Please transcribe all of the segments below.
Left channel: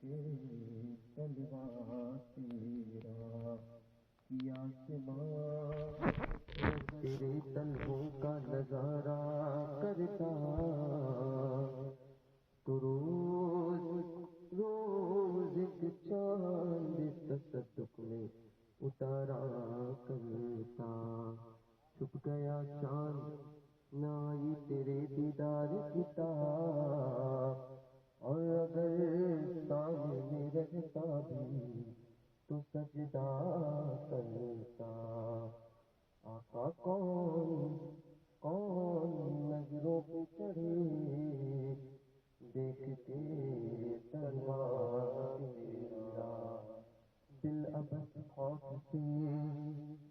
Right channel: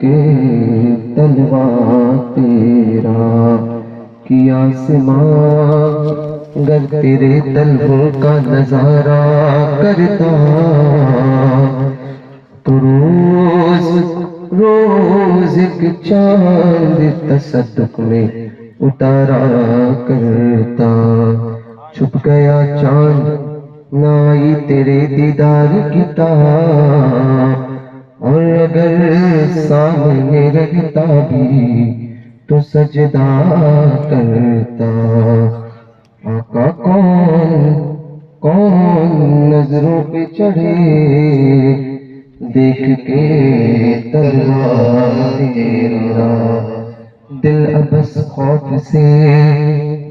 کے تلوا تیرا کیا آسمان گر تیرے تلووں کا نظارہ کرتا تو روز روز ایک چاند تصدق میں اتارا کرتا چھپ گیا چاند نہ آئی تیرے دیدار کی تاب اور اگر سامنے رہتا بھی تو سجدہ کرتا آقا کون نظروں پہ چڑھے دیکھ کے تلوار تیرا دل ابس خوف سے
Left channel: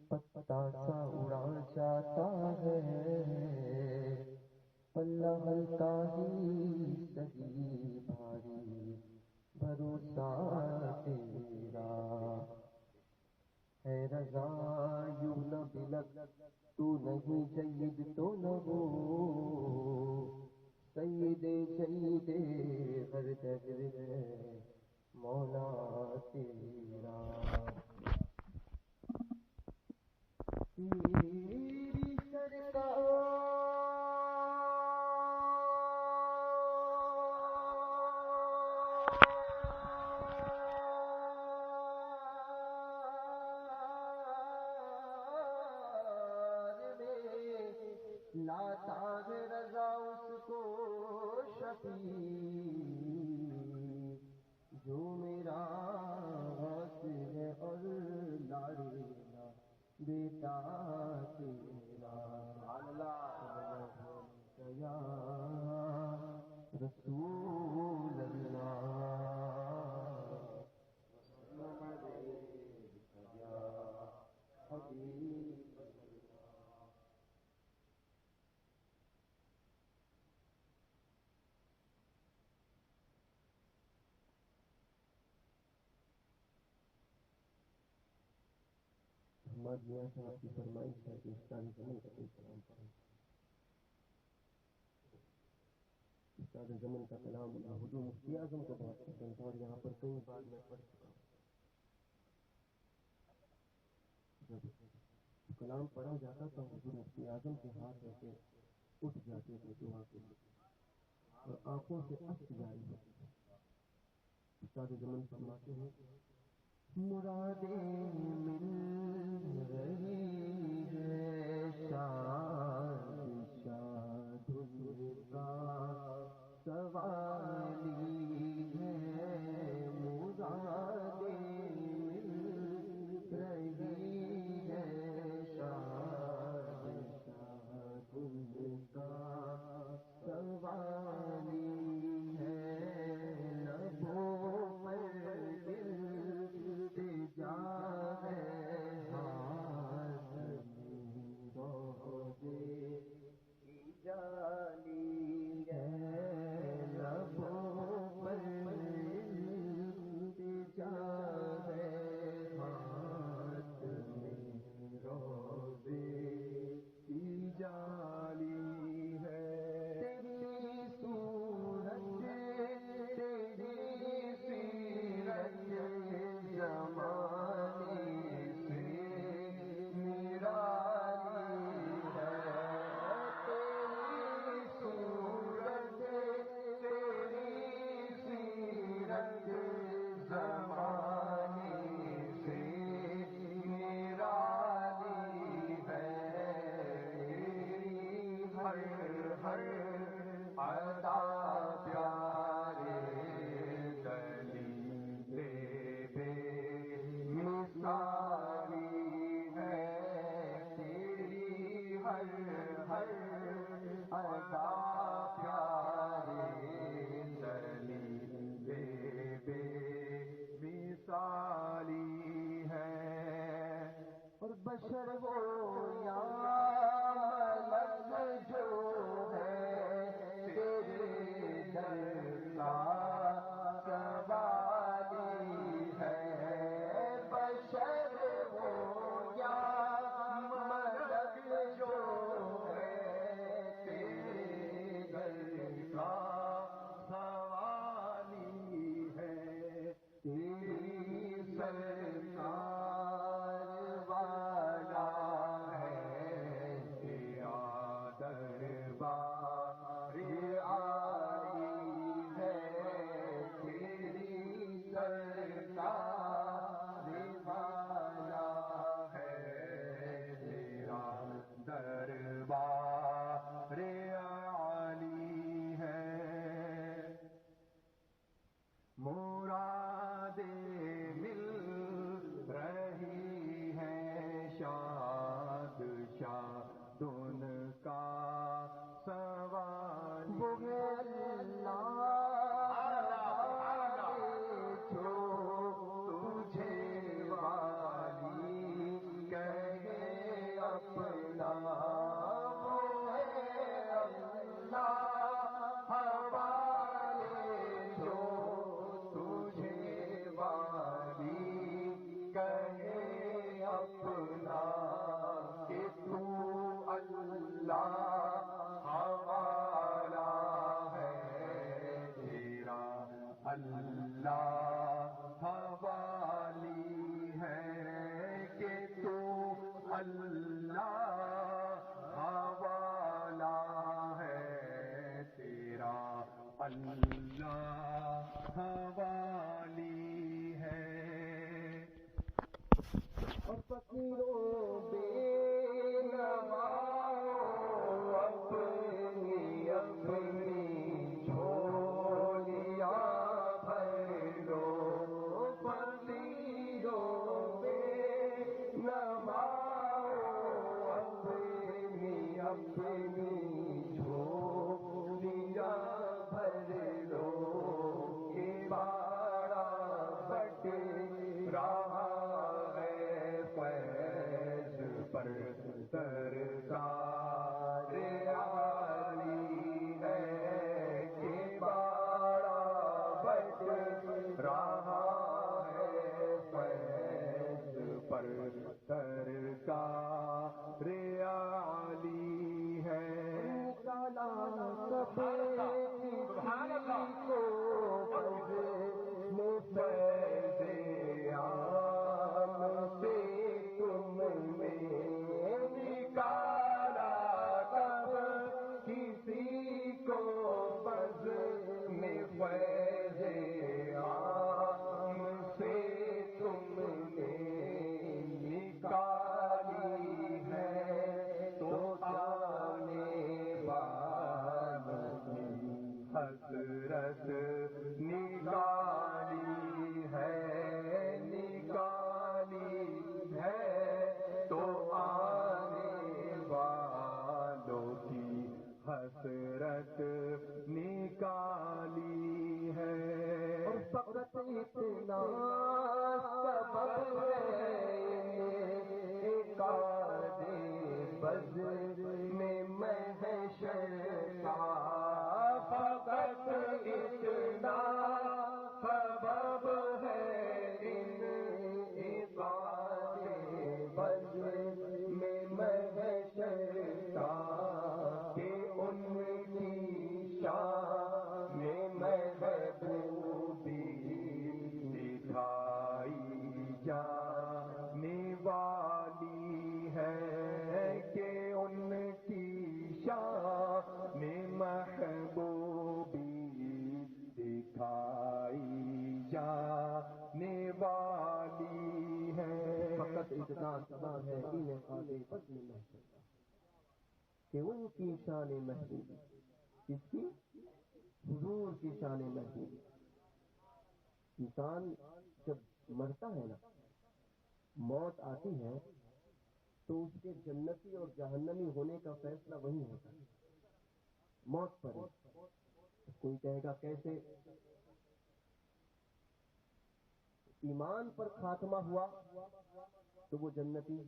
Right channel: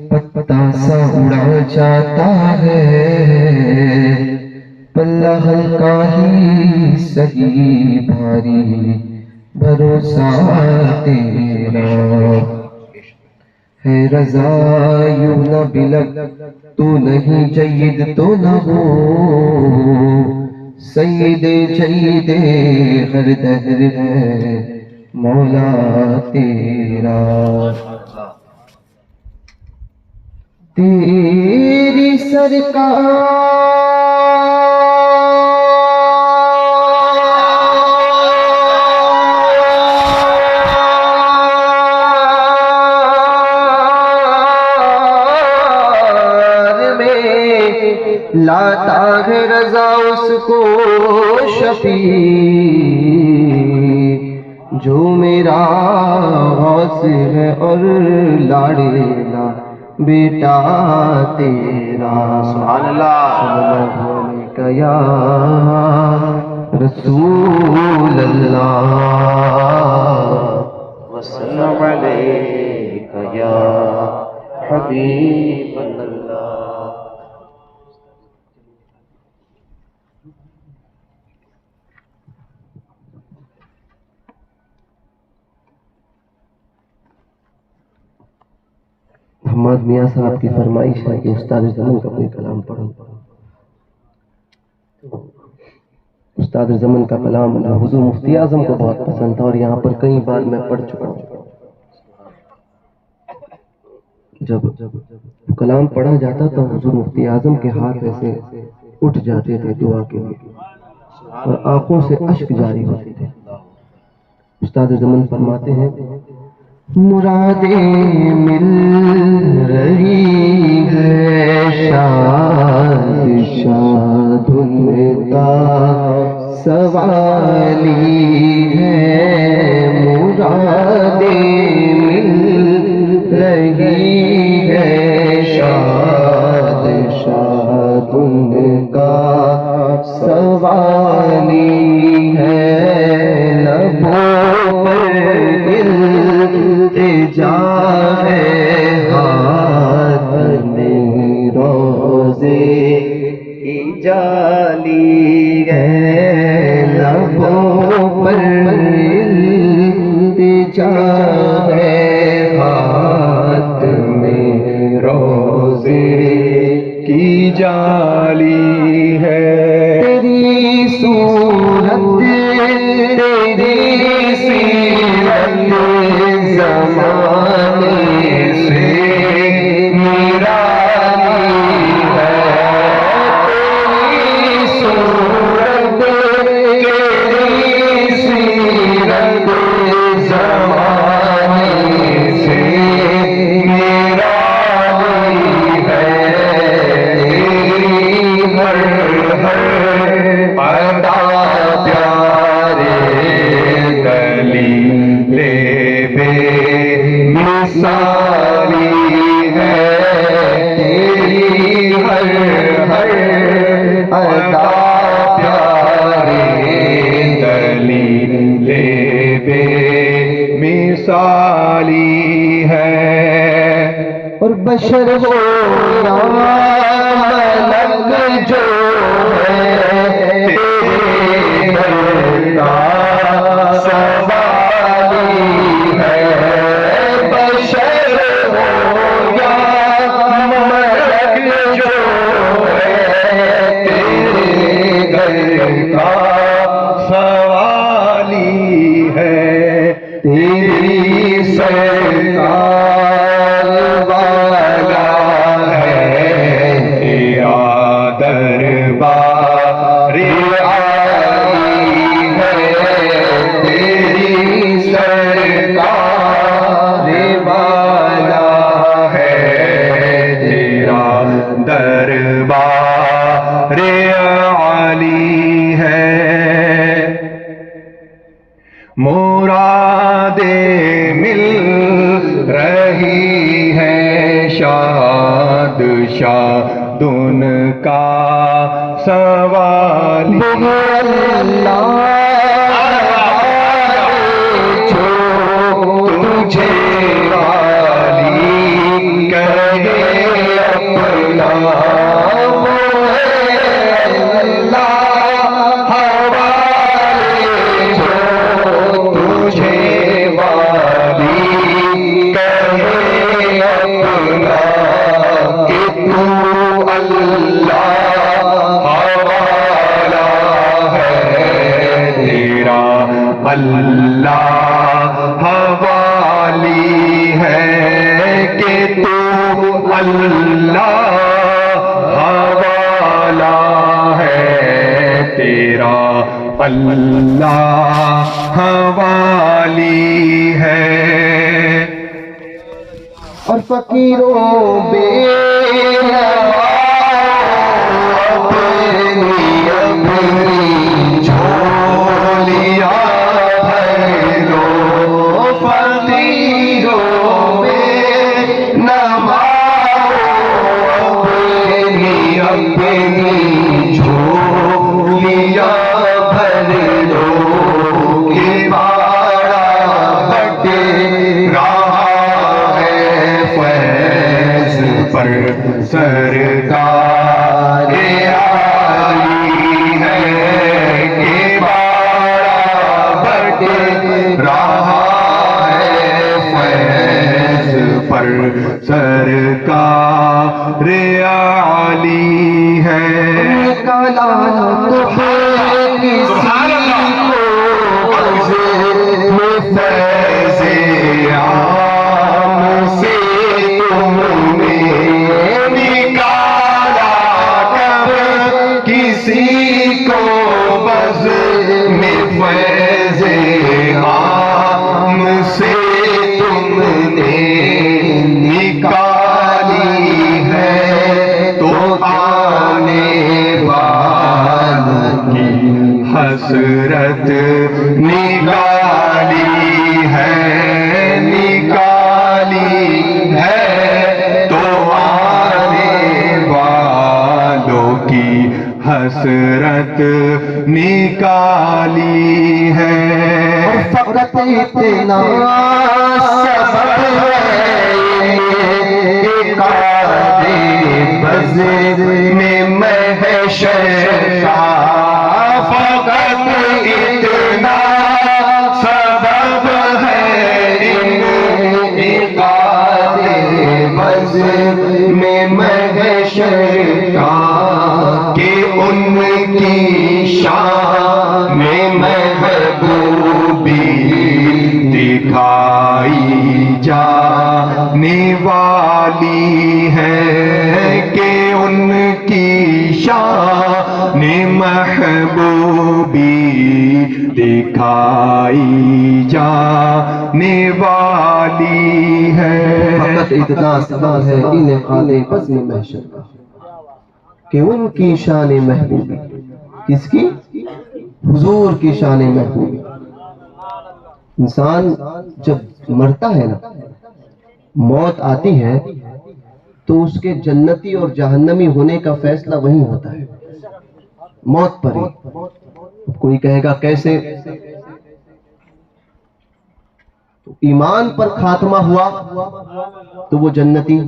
پتا سا اڑا جاتا ہے پلہ ہلکا ہی سہی بھاری بھروسہ تیرا ہے رضا یوں نہ بلک تو نہیں جید تو نہ ہو سید جید ہر دہر ہے مولا تیرا تیری سرکار میں لاتا ہے رضا اس کو شفیع جو میرا غوث ہے اور لاڑیلا بیٹا تیرا سبحان اللہ یا رسول اللہ وسلم علیک یا حبیب اللہ. محمد میاں صاحب کی فرمائش ہے کہ استاد زمن کا کوئی کلام پڑھو. استاد زمن کا کلام حضور مفتی اعظم کو بہت پسند تھا اور یہاں پر کئی بار میں پڑھ چکا ہوں. جب کلام پڑھا جاتا تو حضور مفتی اعظم کے ہاتھ ایسے اٹھ جاتے تھے دعا کے لیے اور آنکھوں سے اشک جاری ہوتے تھے. استاد زمن فرماتے ہیں مرادیں مل رہی ہے شاد شاد ان کا سوالی ہے مرادیں مل رہی ہے شاد شاد ان کا سوالی ہے لبوں پر التجا ہے ہاتھ میں روزے کی جالی ہے لبوں پر التجا ہے ہاتھ میں روزے کی جالی ہے تیری صورت تیری سیرت زمانے سے نرالی ہے تیری صورت تیری سیرت زمانے سے نرالی ہے تیری ہر ادا پیارے دلیل بے مثالی ہے تیری ہر ادا پیارے دلیل بے مثالی ہے اور بشر ہو یا ملک جو ہے تیرے در کا سوالی ہے بشر ہو یا ملک جو ہے تیرے در کا سوالی ہے تیری سرکار والا ہے تیرا دربار عالی ہے تیری سرکار والا ہے تیرا دربار عالی ہے مرادیں مل رہی ہے شاد شاد ان کا سوال جو تجھے والی کہے اپنا اللہ حوالی ہے کہ تو اللہ حوالہ ہے تیرا اللہ حوالی ہے اور فقیروں بے سرکار عالی ہے کہ بارہ بٹے رہا ہے فیض پر سرکار عالی ہے حسرت نکالی ہے تو آنے والوں کی حسرت نکالی ہے فقط اتنا سبب ہے بزر میں محشر کا میں محشر کا کہ ان کی شان محبوبی دکھائی جانے والی ہے کہ ان کی شان محبوبی دکھائی جانے والی ہے فقط اتنا سبب ہے انعقاد بزم محشر کا کہ ان کی شان محبوبی کس کی؟ حضور کی شان محبوبی انسان جب مرتا ہے نا موت آتی ہے تو اس کے جنتی اور جہنمی ہونے کا فیصلہ وہیں ہوتا ہے موت پر ہی کوئی کہے گا کیسے ایمان پر خاتمہ ہوا تو وہ جنتی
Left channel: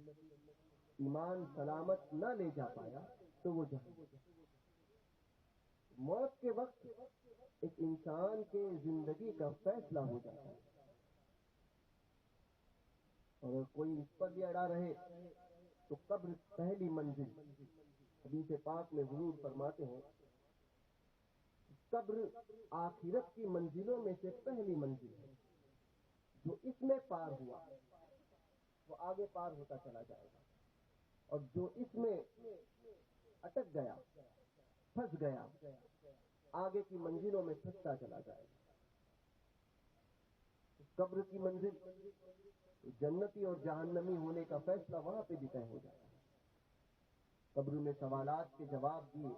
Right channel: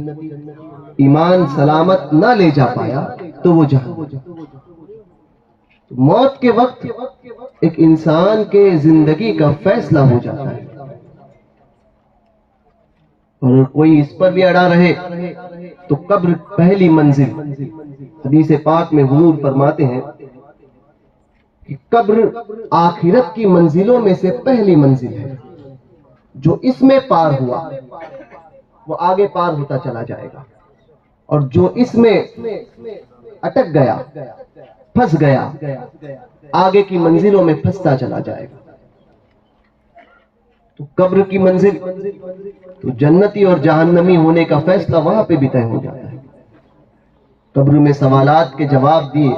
ایمان سلامت نہ لے جا پایا تو وہ جہنمی موت کے وقت ایک انسان کے زندگی کا فیصلہ ہو جاتا ہے اور کوئی اس پر بھی اڑا رہے تو قبر پہلی منزل حدیث پاک میں حضور فرماتے ہیں کہ قبر آخرت کی منزلوں میں سے پہلی منزل ہے جو اس میں پار ہوا وہ آگے پار ہوتا چلا جائے گا، اور جو اس میں اٹک گیا، پھنس گیا، آگے کی منزلوں میں پھنستا چلا جائے گا۔ تو قبر کی منزل، تو جنتی اور جہنمی ہونے کا فیصلہ وہاں پہ بھی طے ہو جاتا ہے۔ قبر میں سوالات کے جواب دیے،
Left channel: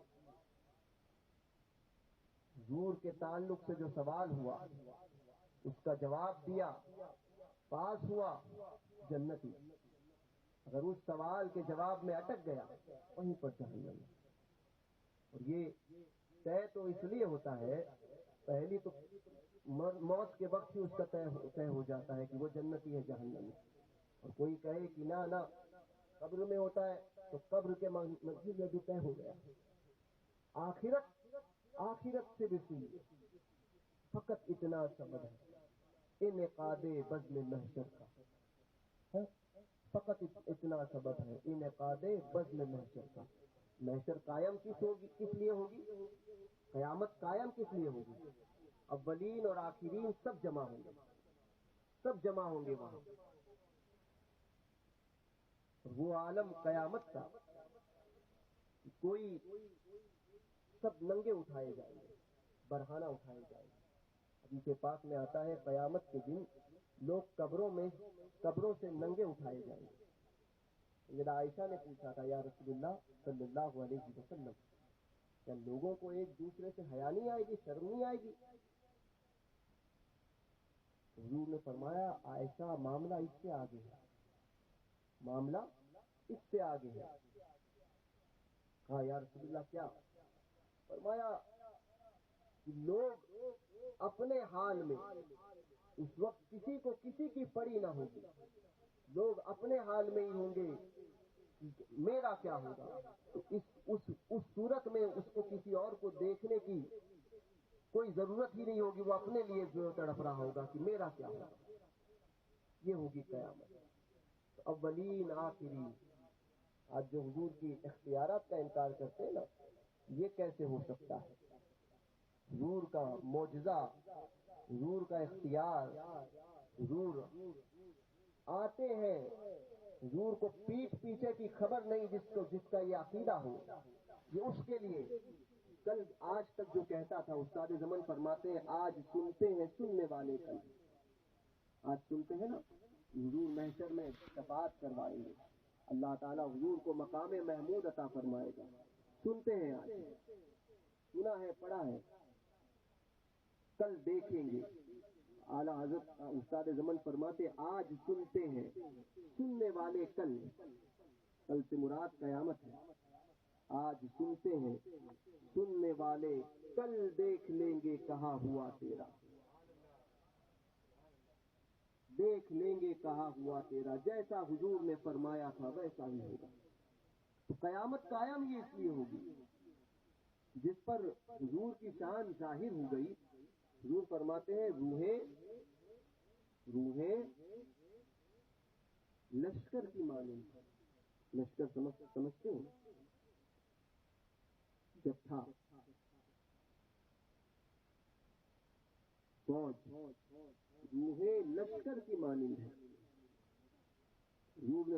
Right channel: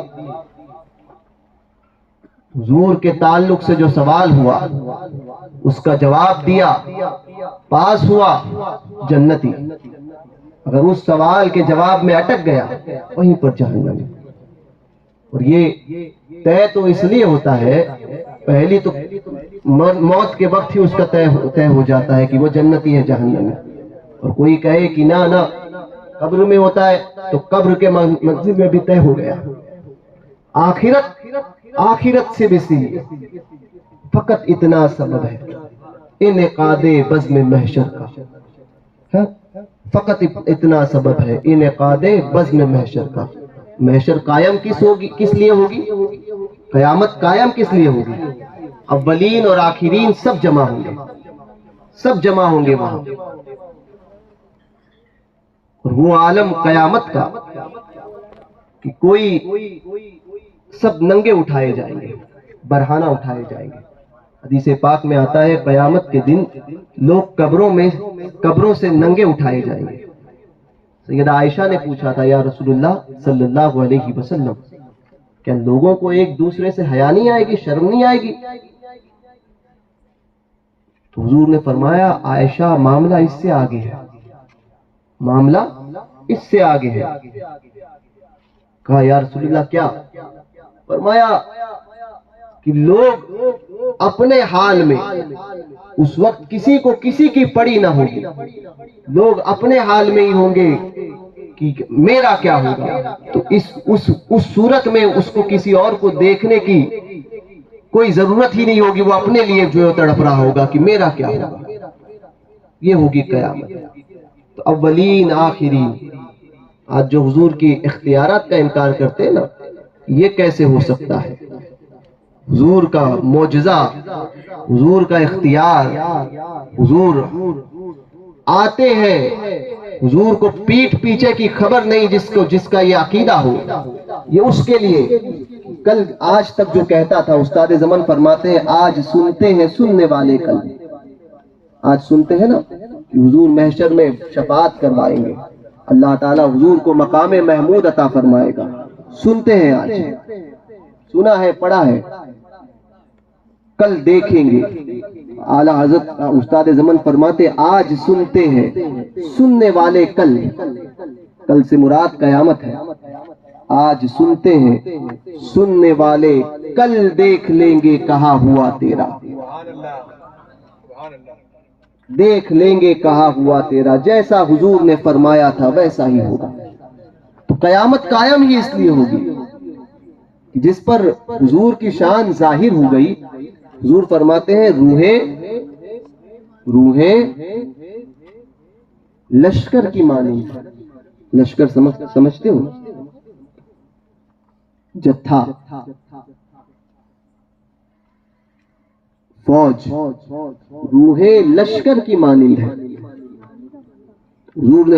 حضور کے تعلق سے جو سوال ہوا اس کا جواب دیا، پاس ہوا، جنتی۔ اگر اس سوال کے جواب میں اٹک گیا، وہیں پر جہنمی۔ اور یہ طے تو اس لیے ہوتا ہے، پہلی تو موت کے وقت ہی اس کا طے ہو جاتا ہے کہ وہ جنتی ہے جہنمی۔ اور کوئی کہے کہ نہ قبر میں ہوتا ہے، تو قبر کے منزل میں بھی طے ہو گیا۔ آخرت سے بھی سی، فقط اتنا سبب ہے انعقاد بزم محشر کا، فقط اتنا سبب ہے انعقاد بزم محشر کا۔ محشر قائم کس لیے ہوگی؟ قیامت قائم کس لیے ہوگی؟ اولین اور آخرین سب جمع ہوں گے، سب جمع ہوں گے وہاں، اور وہ عالم قیامت کا کہ کوئی سب ننگے اٹھائے جائیں گے، برہنہ اٹھائے جائیں گے۔ حدیث پاک میں آتا ہے قیامت کے دن لوگ قبروں سے ننگے اٹھائے جائیں گے۔ سیدہ عائشہ نے پوچھا تھا، یا رسول اللہ صلی اللہ علیہ وسلم، کیا لوگوں کو ایک دوسرے سے حیا نہیں آئے گی، شرم نہیں آئے گی؟ تو حضور نے فرمایا، عائشہ معاملہ اس سے آگے ہے، معاملہ اس سے آگے ہے۔ کہا یا رسول اللہ کیا؟ فرمایا کہ لوگ اپنے حال میں، اس وقت کسی کو کسی کی پڑی نہ ہوگی، لوگ اپنے حال میں ہی ہوں گے کہ میرا کیا ہوگا۔ تو اس صورت میں اس کو کسی اور کو دیکھنے کی کوئی ضرورت ہی نہیں ہوگی، وہ اپنے لیے جو تڑپ رہا ہوگا کہ میرا کیا ہوگا۔ یہ ہوگی قیامت۔ تو اولین آخرین، آج جو حضور کی اختیارات کا انکار کرتے ہیں نا، یہ کیسے ہو سکتا ہے؟ حضور کا معجزہ، حضور کا اختیار، حضور آتے ہیں، حضور کو پیٹھ پیچھے کی خبر نہیں، جس کا یہ عقیدہ ہو، یہ اس کے لیے کل آج تک جو کہتا تھا، استاد زمن فرماتے ہیں آج سنتے ہیں سننے والے کل، آج سنتے ہیں نا کہ حضور محشر میں شفاعت کروائیں گے، اللہ تعالیٰ حضور کو مقام محمود عطا فرمائے گا، سنتے ہیں، آج سنا ہے، پڑھا ہے، کل دیکھیں گے۔ اعلیٰ حضرت استاد زمن فرماتے آج سنتے ہیں سننے والے کل سے مراد قیامت ہے۔ آج سنتے ہیں سننے والے کل دیکھ لیں گے کہا ہوا تیرا، دیکھ لیں گے کہا ہوا تیرا، جیسا حضور نے فرمایا تھا ویسا ہی ہوگا۔ تو قیامت قائم ہی اس لیے ہوگی جس پر حضور کی شان ظاہر ہو گئی۔ حضور فرماتے ہیں روحیں لشکر کی مانند، لشکر سمجھتے ہو؟ جتھا، فوج، روحیں لشکر کی مانند ہے۔ حضور نے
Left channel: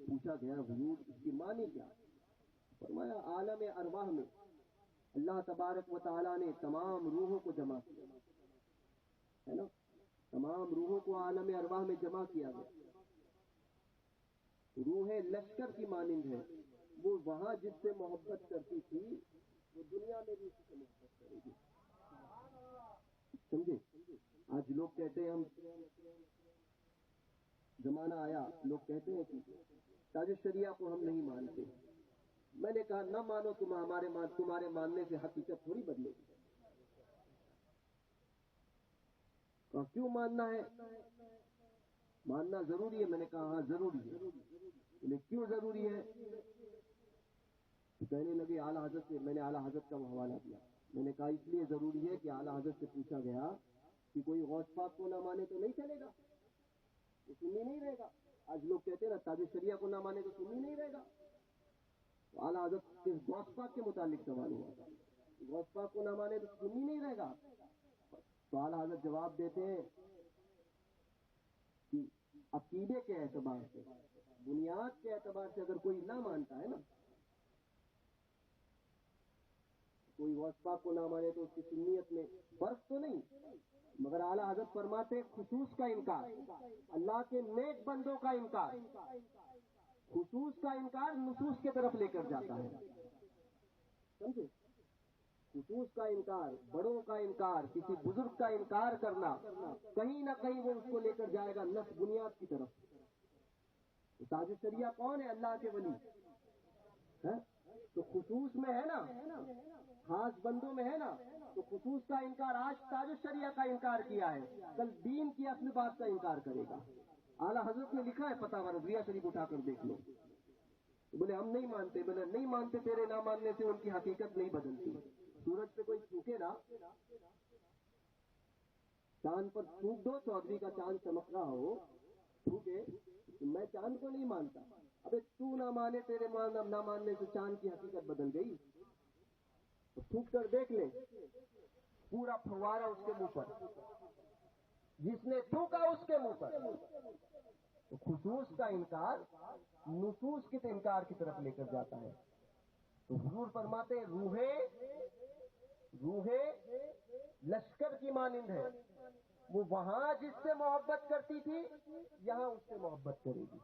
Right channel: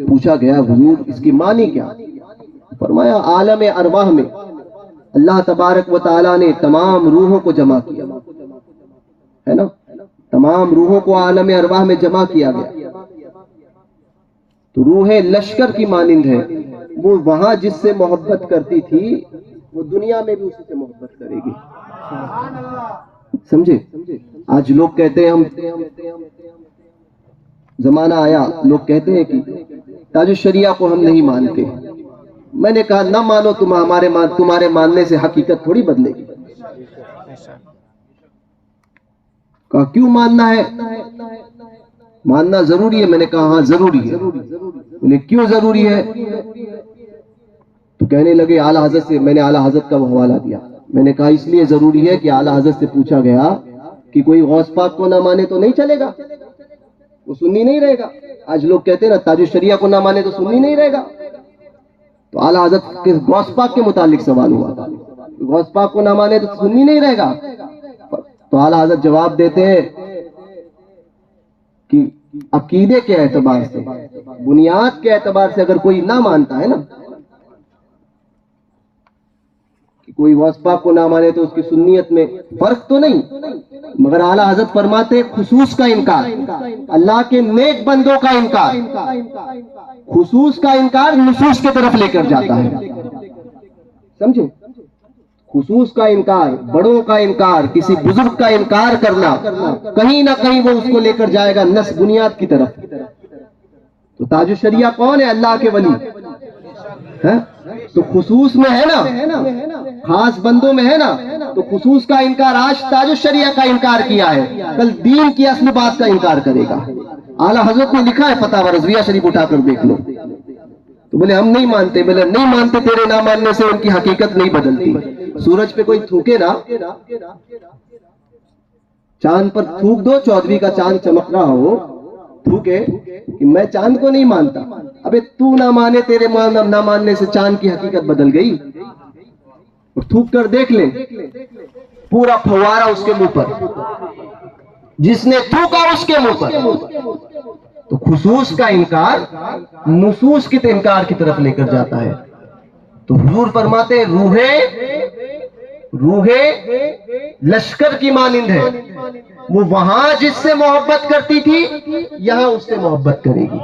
پوچھا گیا حضور اس کی معنی کیا؟ فرمایا عالم ارواح میں اللہ تبارک و تعالیٰ نے تمام روحوں کو جمع کیا ہے نا، تمام روحوں کو عالم ارواح میں جمع کیا گیا، تو روحیں لشکر کی مانند ہے۔ وہ وہاں جس سے محبت کرتی تھی وہ دنیا میں بھی اسی سے محبت کرے گی، سمجھے؟ آج لوگ کہتے ہیں، ہم زمانہ آیا لوگ کہتے ہیں کہ تاج الشریعہ کو ہم نہیں مانتے۔ میں نے کہا نہ مانو، تمہارے ماننے سے حقیقت تھوڑی بدلے گی۔ کہا کیوں ماننا ہے؟ ماننا ضروری ہے۔ میں نے کہا ہاں ضروری ہے۔ بولے کیوں ضروری ہے؟ تو کہنے لگے اعلیٰ حضرت سے، میں نے اعلیٰ حضرت کا حوالہ دیا، میں نے کہا اس لیے ضروری ہے کہ اعلیٰ حضرت سے پوچھا گیا کہ کوئی غوث پاک کو نہ مانے تو نہیں چلے گا، وہ سنی نہیں رہے گا۔ آج لوگ کہتے ہیں نا تاج الشریعہ کو نہ مانے تو سنی نہیں رہے گا۔ تو اعلیٰ حضرت کے غوث پاک کے متعلق سوال ہوا تھا، غوث پاک کو نہ مانے تو سنی نہیں رہے گا۔ تو اعلیٰ حضرت جواب دیتے ہیں کہ عقیدے کے اعتبار سے، بنیاد کے اعتبار سے اگر کوئی نہ مانتا ہے نا، کہ کوئی غوث پاک کو نہ مانے تو اس کی سنیت میں فرق تو نہیں، مگر اعلیٰ حضرت فرماتے ہیں خصوص کا انکار، اللہ کے نیک بندوں کا انکار، خصوص کا انکار نصوص کی طرف لے کر جاتا ہے، سمجھے؟ خصوص کا انکار، بڑوں کا انکار، کسی بزرگ کا انکار کرنا کہیں نہ کہیں وہ اس کو لے کر جائے گا نس بنیاد کی طرف۔ تو تاج الشریعہ کون ہے؟ اللہ کے ولی ہے، تو خصوص میں ہے نا، خاص بندوں میں ہے نا، تو خصوص کا انکار، آج تاج الشریعہ کا انکار کیا ہے، کل دین کی اصل بات کا انکار کرے گا۔ اعلیٰ حضرت نے لکھا ہے فتاوی رضویہ شریف اٹھا کر دیکھ لو، تو بولے ہم نہیں مانتے، بولے نہیں مانتے، تیرے نہ ماننے سے ان کی حقیقت نہیں بدلتی۔ سورج پہ کوئی تھوکے نا، چاند پر تھوک دو، چودھویں کا چاند چمک رہا ہو، تھوکے کہ میں چاند کو نہیں مانتا، ابے تو نہ مانے، تیرے نہ ماننے سے چاند کی حقیقت بدل گئی، اور تھوک کر دیکھ لیں پورا پھوارا اس کے منہ پر، جس نے تھوکا اس کے منہ پر۔ تو خصوص کا انکار نصوص کی انکار کی طرف لے کر جاتا ہے۔ تو حضور فرماتے ہیں روح لشکر کی مانند ہے، وہ وہاں جس سے محبت کرتی تھی یہاں اس سے محبت کرے گی،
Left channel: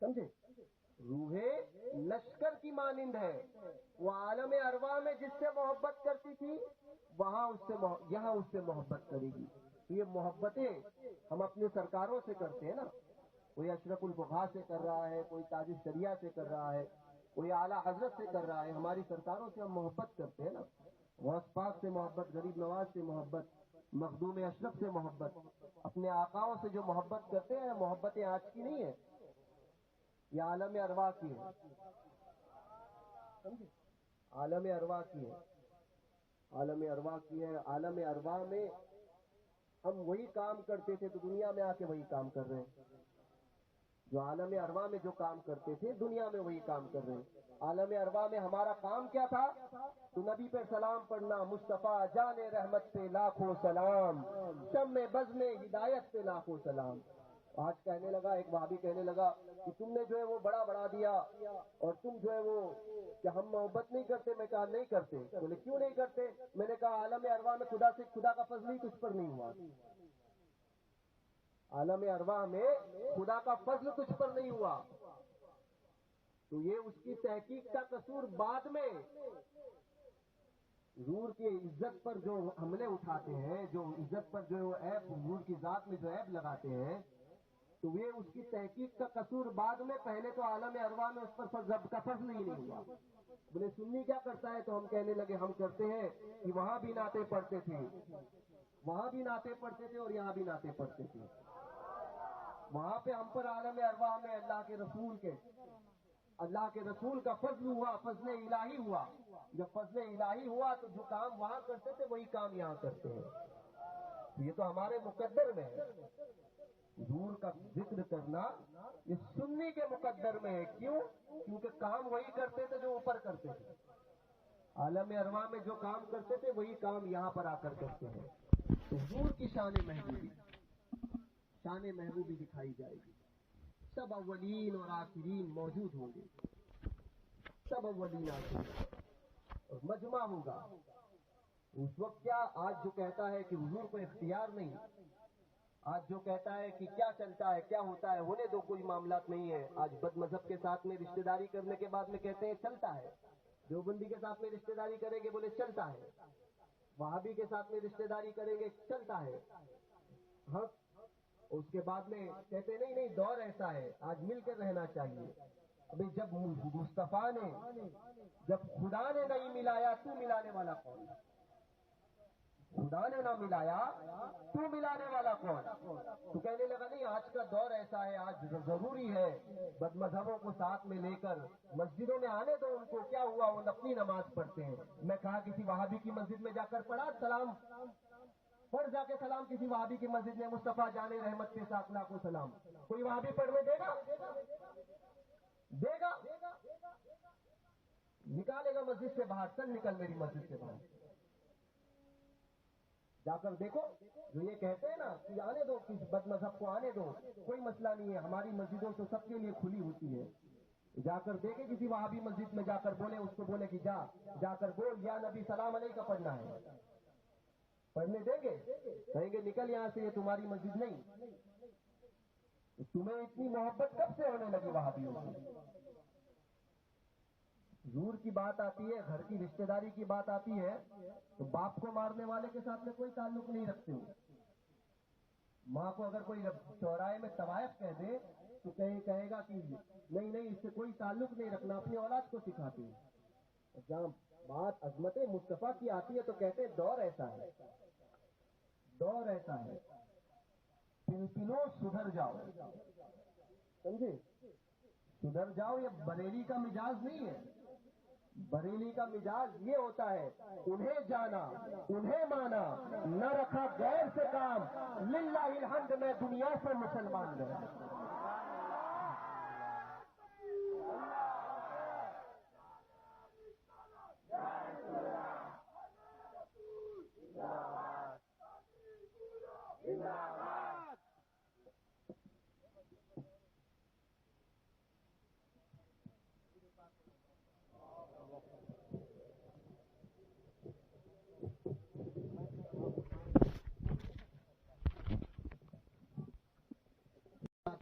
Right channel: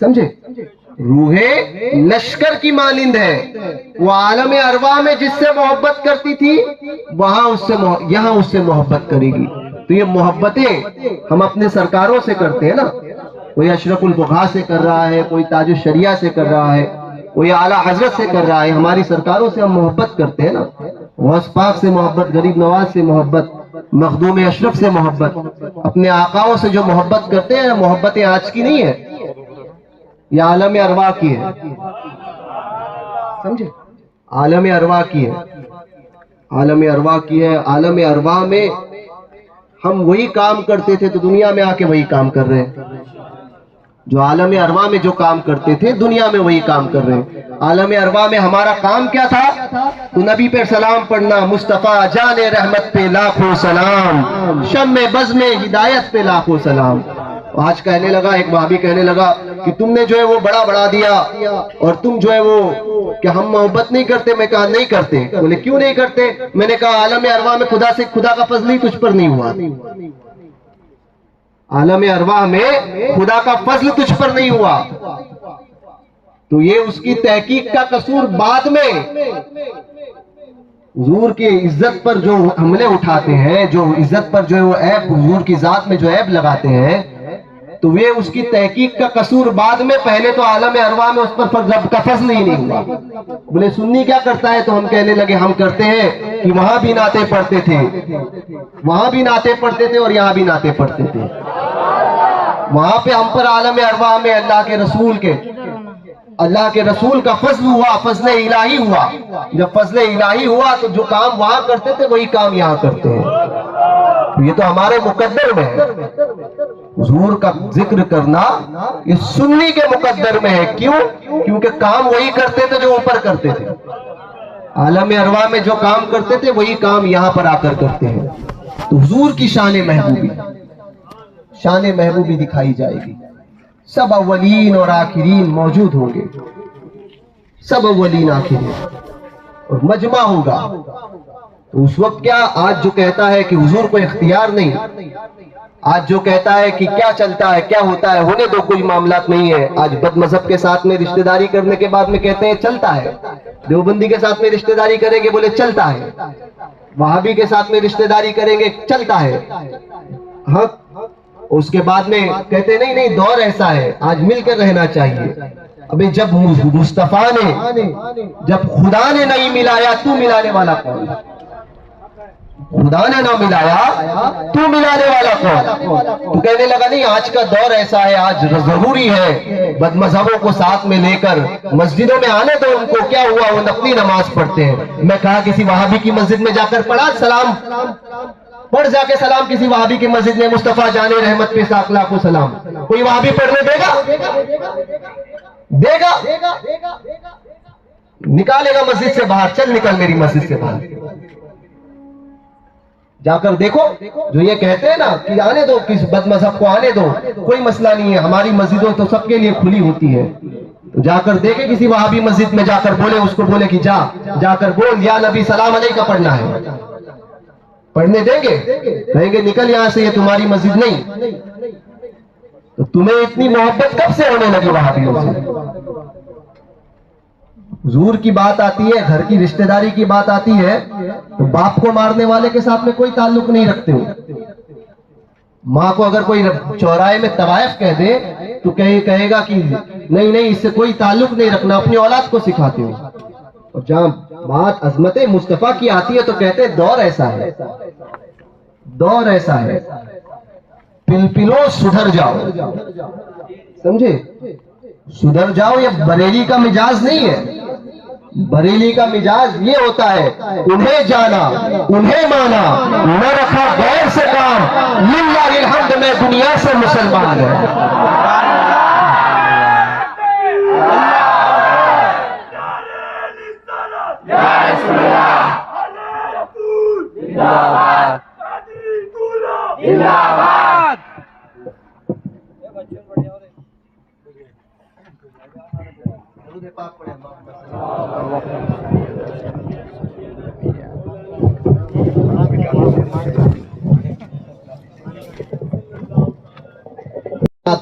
سمجھے؟ روح لشکر کی مانند ہے، وہ عالم ارواح میں جس سے محبت کرتی تھی وہاں یہاں اس سے محبت کرے گی۔ تو یہ محبتیں ہم اپنے سرکاروں سے کرتے ہیں نا، کوئی اشرف الفقہاء سے کر رہا ہے، کوئی تاج الشریعہ سے کر رہا ہے، کوئی اعلیٰ حضرت سے کر رہا ہے، ہماری سرکاروں سے ہم محبت کرتے ہیں نا، غوث پاک سے محبت، غریب نواز سے محبت، مخدوم اشرف سے محبت، اپنے آقاؤں سے جو محبت کرتے ہیں، محبتیں آج کی نہیں ہے، یہ عالم ارواح کی ہے، سمجھے؟ عالم ارواح کی ہے، عالم ارواح کی ہے۔ عالم ارواح میں ہم وہی کام کرتے تھے تو دنیا میں آ کے وہی کام کر رہے ہیں، جو عالم ارواح میں جو کام کرتے تھے دنیا میں وہی کام کر رہے ہیں۔ عالم ارواح میں ہمارا کام کیا تھا؟ تو نبی پہ سلام پڑھنا، مصطفیٰ جان رحمت پہ لاکھوں سلام، شمع بزم ہدایت پہ لاکھوں سلام۔ آج کہنے لگا، ایک وہابی کہنے لگا کہ تم نے جو ہے وہ بڑا دیا، اور تم جو ہے وہ کہ ہم محبت نہیں کرتے۔ میں کہا نہیں کرتے۔ بولے کیوں نہیں کرتے؟ میں نے کہا عالم ارواح میں خدا کا فضل ہی تجھ پر نہیں ہوا، عالم ارواح میں خدا کا فضل تجھ پر نہیں ہوا، تو یہ اس کی تحقیق کا قصور بعد میں۔ حضور کی عزت پر جو حملے اٹھاتے ہیں، جو عزت پر جو ہے وہ عیب، حضور کی ذات میں جو عیب لگاتے ہیں، تو یہ اس کی تحقیق کا قصور بعد میں، پہلے تو عالم ارواح میں اس پر رب کا فضل ہی نہیں ہوا۔ بولے سنی کیا کرتا ہے؟ تو ہم کہنے لگے ہم کرتے ہیں کہ وہاں بھی نعتیں پڑھتے تھے، وہاں بھی نعتیں پڑھتے تھے اور یہاں بھی نعتیں پڑھتے تھے۔ وہاں پہ ہم پر عالم ارواح میں اللہ کے رسول کا فضل ہوا، فضل الہی ہوا۔ جب فضل الہی ہوا تو جو کام وہاں کرتے تھے وہی کام یہاں کرتے ہیں۔ یہ تو ہمارے مقدر میں ہے، حضور کا ذکر کرنا یہ سنی کے مقدر میں ہے۔ کیوں؟ کیونکہ کام وہی کرتے تھے جو اوپر کرتے تھے، عالم ارواح میں جو کام کرتے تھے وہی کام یہاں پر آ کر کرتے ہیں۔ تو حضور کی شان محبوبی دکھائی جائے گی، سب اولین اور آخرین موجود ہوں گے، سب اولین آخرین، اور مجمع ہوگا۔ تو اس وقت کیا، آج جو کہتا ہے کہ حضور کو اختیار نہیں، آج جو کہتا ہے کہ کیا چلتا ہے، کیا ہوتا ہے، ہونے دو، کوئی معاملات نہیں ہے۔ آج بد مذہب کے ساتھ میں رشتہ داری کرنے کے بعد میں کہتے ہیں چلتا ہے، دیوبندی کے ساتھ میں رشتہ داری کریں گے بولے چلتا ہے، وہابی کے ساتھ میں رشتہ داری کریں گے چلتا ہے، ہاں، اس کے بعد میں کہتے نہیں دور ایسا ہے، آج مل کر رہنا چاہیے۔ ابھی جب مصطفیٰ نے، جب خدا نے نہیں ملایا تو ملانے والا کون؟ خدا نے نہ ملایا تو ملانے والا کون؟ تو کہنے لگا نہیں آج کا دور ایسا ہے، آج ضروری ہے بد مذہبوں کو ساتھ میں لے کر مسجدوں میں آنے دو ان کو، کیا ہوا وہ نفلی نماز پڑھتے ہیں۔ میں کہا کسی وہابی کی مسجد میں جا کر پڑھا سلام، پڑھ جا کے سلام کسی وہابی کی مسجد میں، مصطفیٰ جان رحمت پہ لاکھوں سلام، کوئی وہابی پڑھنے دے گا؟ نکالے گا مسجد سے باہر، چل نکل میری مسجد سے باہر۔ جا کر دیکھو. جو یہ کہتے ہیں نا کہ آنے دو کس بد مذہب کو آنے دو، کوئی مسئلہ نہیں ہے، ہماری مسجدوں تو سب کے لیے کھلی ہوتی ہے. تو جا کر دیکھے کسی وہابی مسجد میں جا کر بولے، اس کو بولے کہ جا کر بول یا نبی سلام علیہ کا پڑھنا ہے. پڑھنے دیں گے؟ کہیں گے نکل یہاں سے، یہ تمہاری مسجد نہیں. تو تمہیں اتنی محبت کب سے ہونے لگی وہابیوں سے؟ حضور کی بات آتی ہے، گھر کی رشتہ داری کی بات آتی ہے تو باپ کو مارنے والے کے ساتھ میں کوئی تعلق نہیں رکھتے ہو. ماں کو اگر کوئی چوراہے میں طوائف کہہ دے تو کہے گا کہ نہیں اس سے کوئی تعلق نہیں رکھنا، اپنی اولاد کو سکھاتے ہو. اور جہاں بات عظمت مصطفیٰ کی آتی ہے تو کہتے ہیں دور ایسا ہے، دور ایسا ہے، پلپلو سدھر جاؤ. سمجھے؟ سدھر جاؤ یہ بریلی کا مجاز نہیں ہے. بریلی کا مجاز یہ ہوتا ہے انہیں جانا انہیں مانا، نہ رکھا غیر سے کام، للہ الحمد میں دنیا سے مسلمان ہے.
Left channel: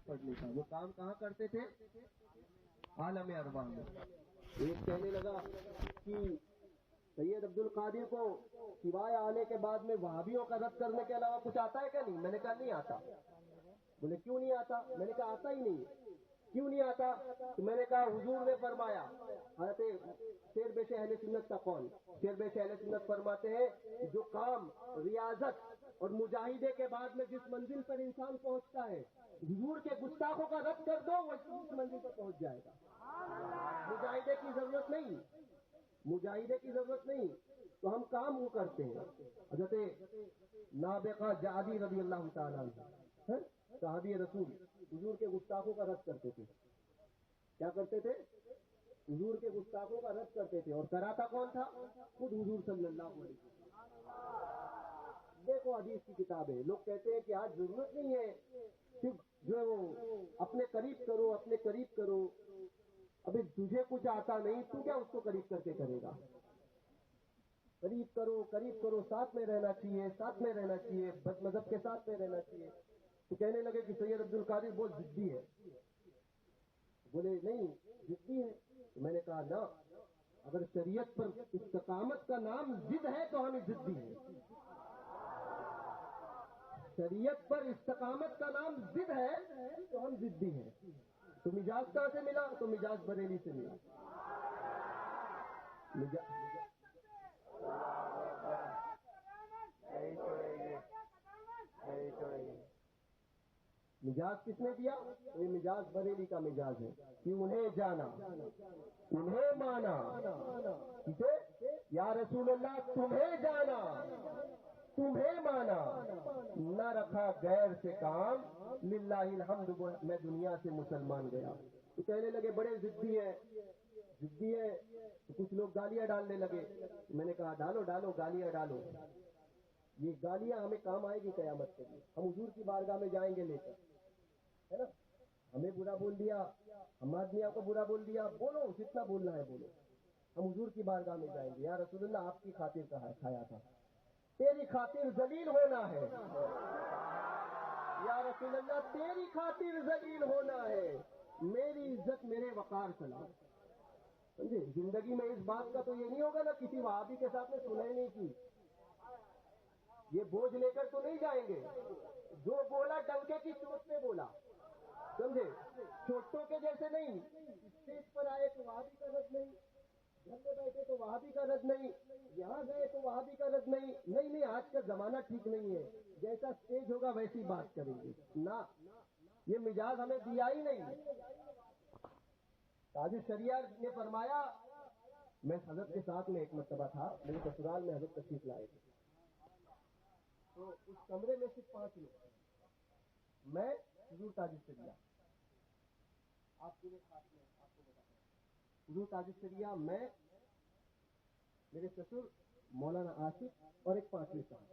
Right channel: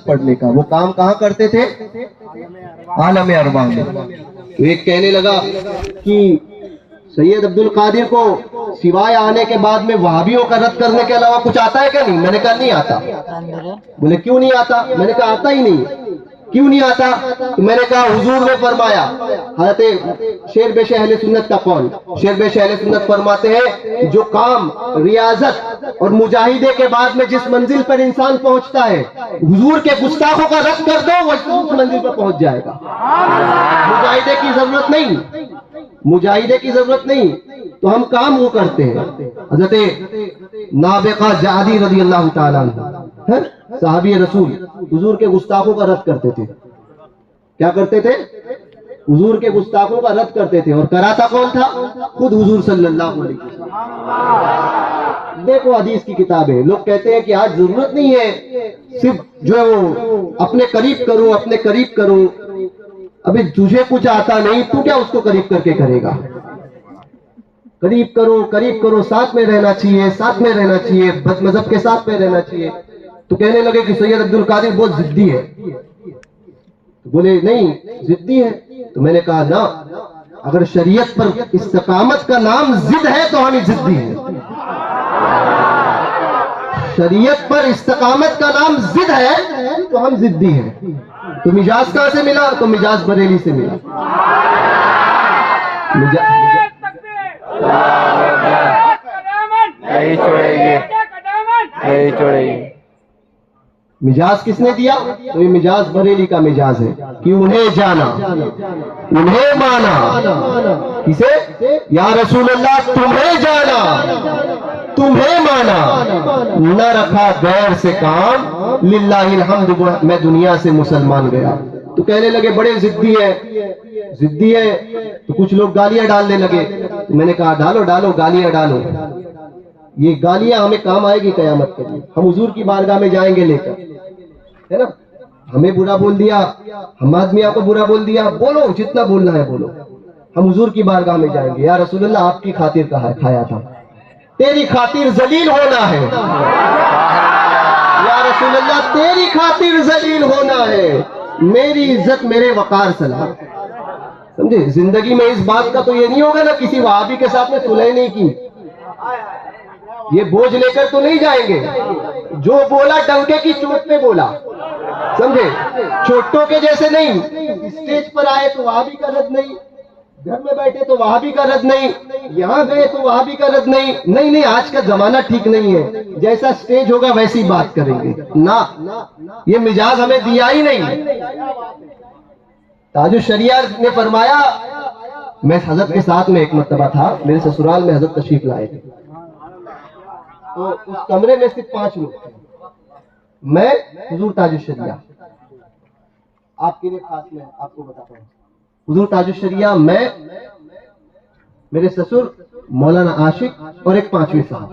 پڑھنے کا وہ کام کہاں کرتے تھے؟ عالم ارواح میں. تو ایک کہنے لگا کہ سید عبد القادر کو سوائے آنے کے بعد میں وہابیوں کا رد کرنے کے علاوہ کچھ آتا ہے کیا؟ نہیں. میں نے کہا نہیں آتا. بولے کیوں نہیں آتا؟ میں نے کہا آتا ہی نہیں. کیوں نہیں آتا؟ تو میں نے کہا حضور نے فرمایا، حضرت شیر بیش اہل سنت کا قول، شیر بیش اہل سنت فرماتے ہیں جو کام ریاضت اور مجاہدے کے بعد میں جس منزل پر انسان پہنچتا ہے، حضور کے گستاخوں کا رد کر دو وہ اس منزل پر پہنچ جائے گا. مجاہدے کی ضرورت نہیں، مجاہدے کی ضرورت نہیں. تو ہم کام وہ کرتے ہیں. حضرت نابغہ جعدی رضی اللہ تعالیٰ عنہ صحابی رسول حضور کے گستاخوں کا رد کرتے تھے. کیا کرتے تھے؟ حضور کے گستاخوں کا رد کرتے تھے. اور کراتا کون تھا؟ خود حضور صلی اللہ علیہ وسلم. دیکھو حدیث کی کتابیں، لوگ کہتے ہیں کہ آج ضرورت نہیں ہے صرف جو ہے وہ اپنے قریب کرو اپنے قریب کرو. ابھی تجھے کچھ آتا نہیں، تو کیا اس کو قریب کر کے کرے گا؟ قریب کرو، ساتھ میں رہنا چاہیے، ساتھ میں رہنا چاہیے، بد مذہب کے ساتھ میں رہنا چاہیے. تو کہنے لگے کہ سید عبد القادر بہت ضدی ہے. بولے نہیں ضدی ہے. تو میں نے کہا نا، اگر شریعت پر استقامت کا نام ضد ہے تو ہم ضدی ہیں. شریعت پر استقامت کا نام ضد ہے تو ہم ضدی ہیں. تو مجاز کہاں سے ملا؟ تو مجاز بریلی سے ملا. نہیں چھوڑے گی. مجاز کس نے دیا؟ تو یہ مجاز بریلی کا مجاز ہے کہ انہیں جانا انہیں مانا. کسے؟ یا رسول اللہ تمہیں جانا تمہیں مانا، نہ رکھا غیر سے کام، للہ الحمد میں دنیا سے مسلمان گیا. تو کہنے لگے بڑے ضدی ہے. تو کچھ لوگ گالیاں ڈالنے لگے. تو میں نے کہا ڈالو گالیاں ڈالو. یہ گالیاں ہمیں کام آئے گی قیامت کے لیے. ہم حضور کی بارگاہ میں جائیں گے لے کر، ہے نا. ہمیں برا بول دیا، حماد میاں کو برا بول دیا، بولو جتنا بولنا ہے بولو. ہم حضور کی بارگاہ میں جائیں گے، یا رسول اللہ آپ کی خاطر کھایا تھا، تیری خاطر ذلیل ہونا ہے. یا رسول اللہ تیری خاطر ذلیل ہونا ہے، میری عزت میرے وقار سلام. سمجھے؟ زندگی میں اس بات کا تو یہ نہیں ہوگا نا کسی وہابی کے ساتھ میں صلح نہیں کی. یہ بوجھ لے کر تو نہیں جائیں گے. جو بولا ڈنکے کی چوٹ پہ بولا، سمجھے؟ چوٹوں کے جیسے نہیں. اسٹیج پر آئے تو وہابی کا رد نہیں، گھر میں بیٹھے تو وہابی کا رد نہیں، یہاں گئے تو وہابی کا رد نہیں. نہیں آج کا زمانہ ٹھیک نہیں ہے، جیسا اسٹیج ہوگا ویسی بات کریں گے. نہ، یہ مجاز ہمیں دیا ہی نہیں. تاج الشریعہ نے فرمایا، میں حضرت کے ساتھ میں ایک مرتبہ تھا، میرے سسرال میں حضرت تشریف لائے تھے. تو اس کمرے میں صرف 5 لوگ تھے. میں، حضور تاج الشریعہ، آپ کے لیے خاص میں آپ کو بتاتا ہوں. حضور تاج الشریعہ، میں، میرے سسر مولانا عاشق اور ایک 5ویں صاحب.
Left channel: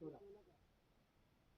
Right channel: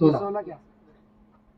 16।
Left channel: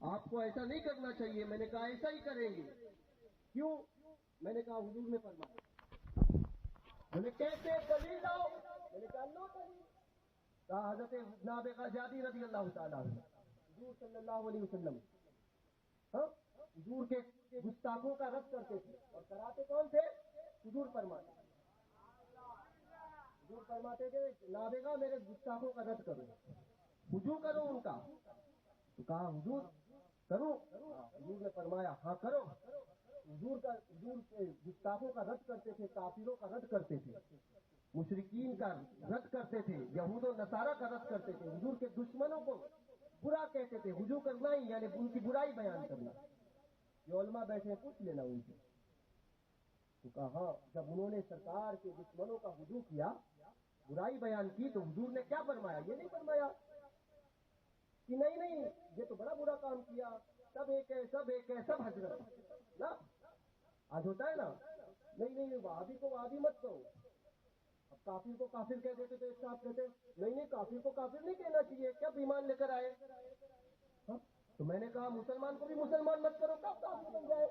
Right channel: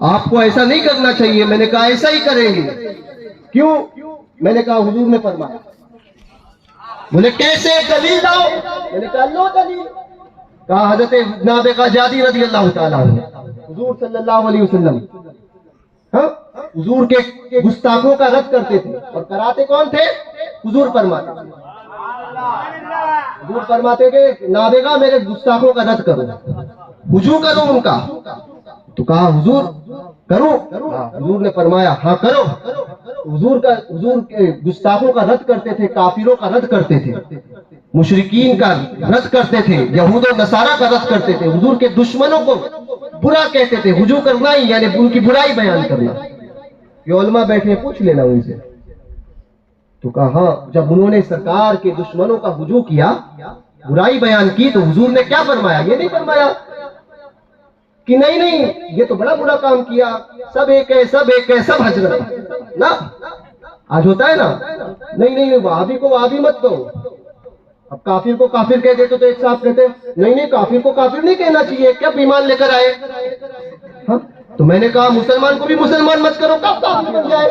آپ کو ایسا نہیں کرنا چاہیے. میں نے کہا ایسا ہی کریں گے. کیوں؟ میں نے کہا حضور نے فرمایا. بولے کیسے؟ دلیل لاؤ. میں نے کہا لو دلیل. کہا حضرت نابغہ جادی رضی اللہ تعالیٰ عنہ حضور صلی اللہ علیہ وسلم حضور کے گستاخوں کا رد کرتے تھے. اور کراتے کون تھے؟ حضور فرماتے. حضور فرماتے کہ نابغہ میرے گستاخوں کا رد کرو، وضو کرو ان کا. تو کہا حضور کرو. حضور نے فرمایا ہاں کرو. حضور کے گستاخوں کا رد کرتے تھے، کافروں کا رد کرتے تھے، مشرکین کا رد کرتے تھے، یہود و نصارہ کا رد کرتے تھے، حضور کے دشمنوں کو برا کہتے تھے. وضو کرنا ہی یعنی ان کی برائی بیان کرنا. یہ علماء بیٹھے پوچھ لینا ان سے. تو کہا ہاں جب انہوں نے سرکار کے دشمنوں کا وضو کیا، برائی بیان کی، تو حضور نے کیا فرمایا؟ یہ نہیں فرمایا کہ نہیں یہ تو بڑا برا کام کیا، سب ایک ہے، سب ایک ہے، سب حضرت نا. آج ہوتا ہے نا، نہیں وہابی کو وہابی مت کہو. اب کافر کو کافر کہہ دیتے تو ایک صاحب کہتے نہیں کافر کو کافر نہیں کہنا چاہیے، کیا ایمان لے کر آئے. ہاں تو میں نے کہا مسلمان کو بھی مسلمان مت کرو، کب کافر بن جائے.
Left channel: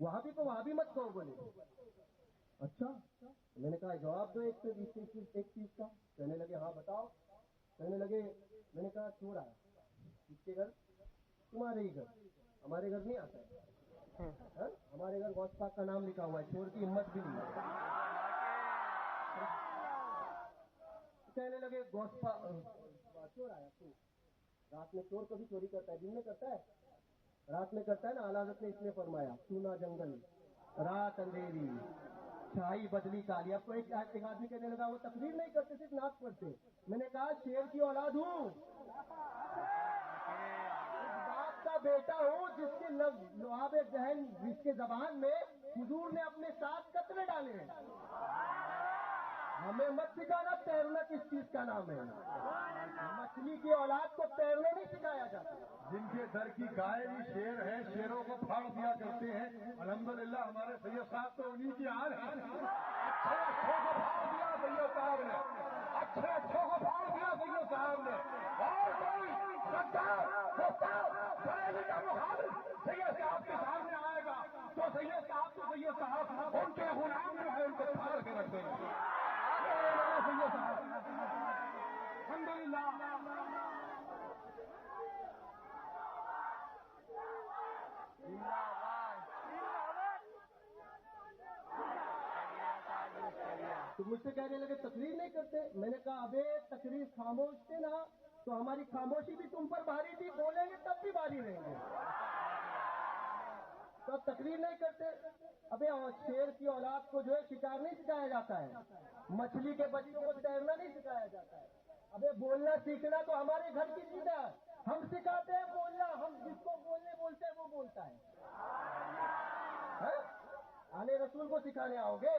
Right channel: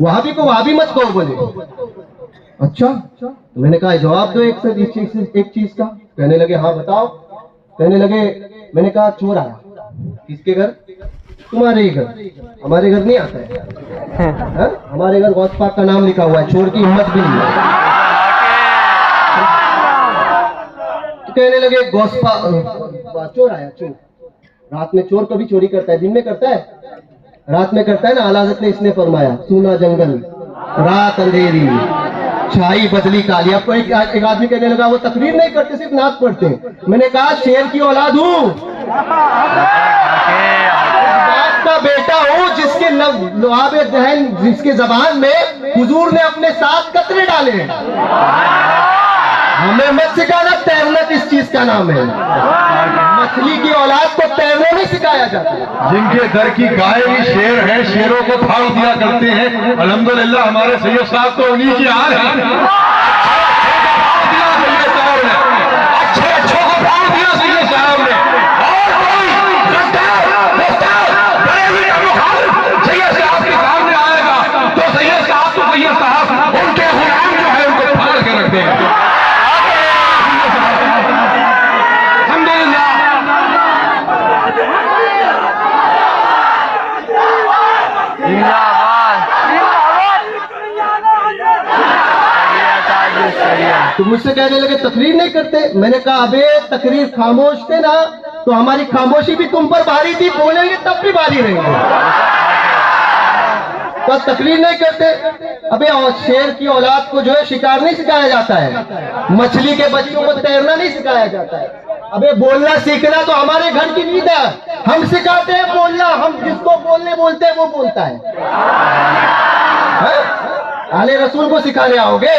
وہابی کو وہابی مت کہو. بولے اچھا. تو میں نے کہا جواب دو ایک چیز کا. کہنے لگے ہاں بتاؤ. کہنے لگے میں نے کہا چور آیا. کس کے گھر؟ تمہارے ہی گھر. ہمارے گھر نہیں آتا ہے. ہمارے گھر غوث پاک کا نام لکھا ہوا ہے، چور کی ہمت بھی نہیں ہے. تو کہنے لگے غوث پاک چور آیا. چور رات میں چور کبھی چوری کرتا ہے؟ دن میں کرتا ہے؟ رات میں کرتا ہے نا. اعلیٰ حضرت نے اس نے فرمایا سونا جنگل رات اندھیری چھائی بدلی کالی. اب ایک آدمی کہنے لگا وہ تقریر نہیں کرتے صرف نعت پڑھتے. میں نے کہا شیر کی اولاد ہوں، باپ کا بیٹا ہوں جس کے لعاب دہن، جس کے زبان میں حضور نے اپنے 7 قطرے ڈالے. ہمیں مت سکھانا تیرنا کس چیز کا نام ہے. مچھلی کی اولاد کو تیرنا نہیں سکھایا جاتا. جن کے در کی گائے بھی شیر ہے، شیروں کو پھاڑ دیا کرتے ہیں. الحمدللہ ہمارے سید صاحب تو انہی کی حال ہے. اچھے اچھوں کو پھاڑ دیا سید صاحب نے. اور کوئی بڑے ہوئے کا مخالف سید صاحب کے سامنے آئے گا تو سید صاحب ان کے غلام جو ہے ان کو پھاڑ کے رکھتے ہیں. تو مجھ سے کہنے لگے تقریر نہیں کرتے. میں نے کہا ابے تقریر خاموش تھے نا تو ہماری خاموشی بھی تم پر بھاری تھی، بولیں گے تب بھی بھاری رہیں گے. بس تقریر نہیں کرتے. ابے شیر کی اولاد کو جو ہے شکار نہیں سکھایا جاتا ہے، مچھلی کے بچوں کو تیرنا نہیں سکھایا جاتا ہے. ابے بولنا سیکھنا تو ہمارے گھر کی نیند ہے. ہم سکھاتے ہیں بولنا، ہم جس کو بولنے بولتے ہیں وہ بولتا ہے. اہل رسول کو سکھانے آؤ گے،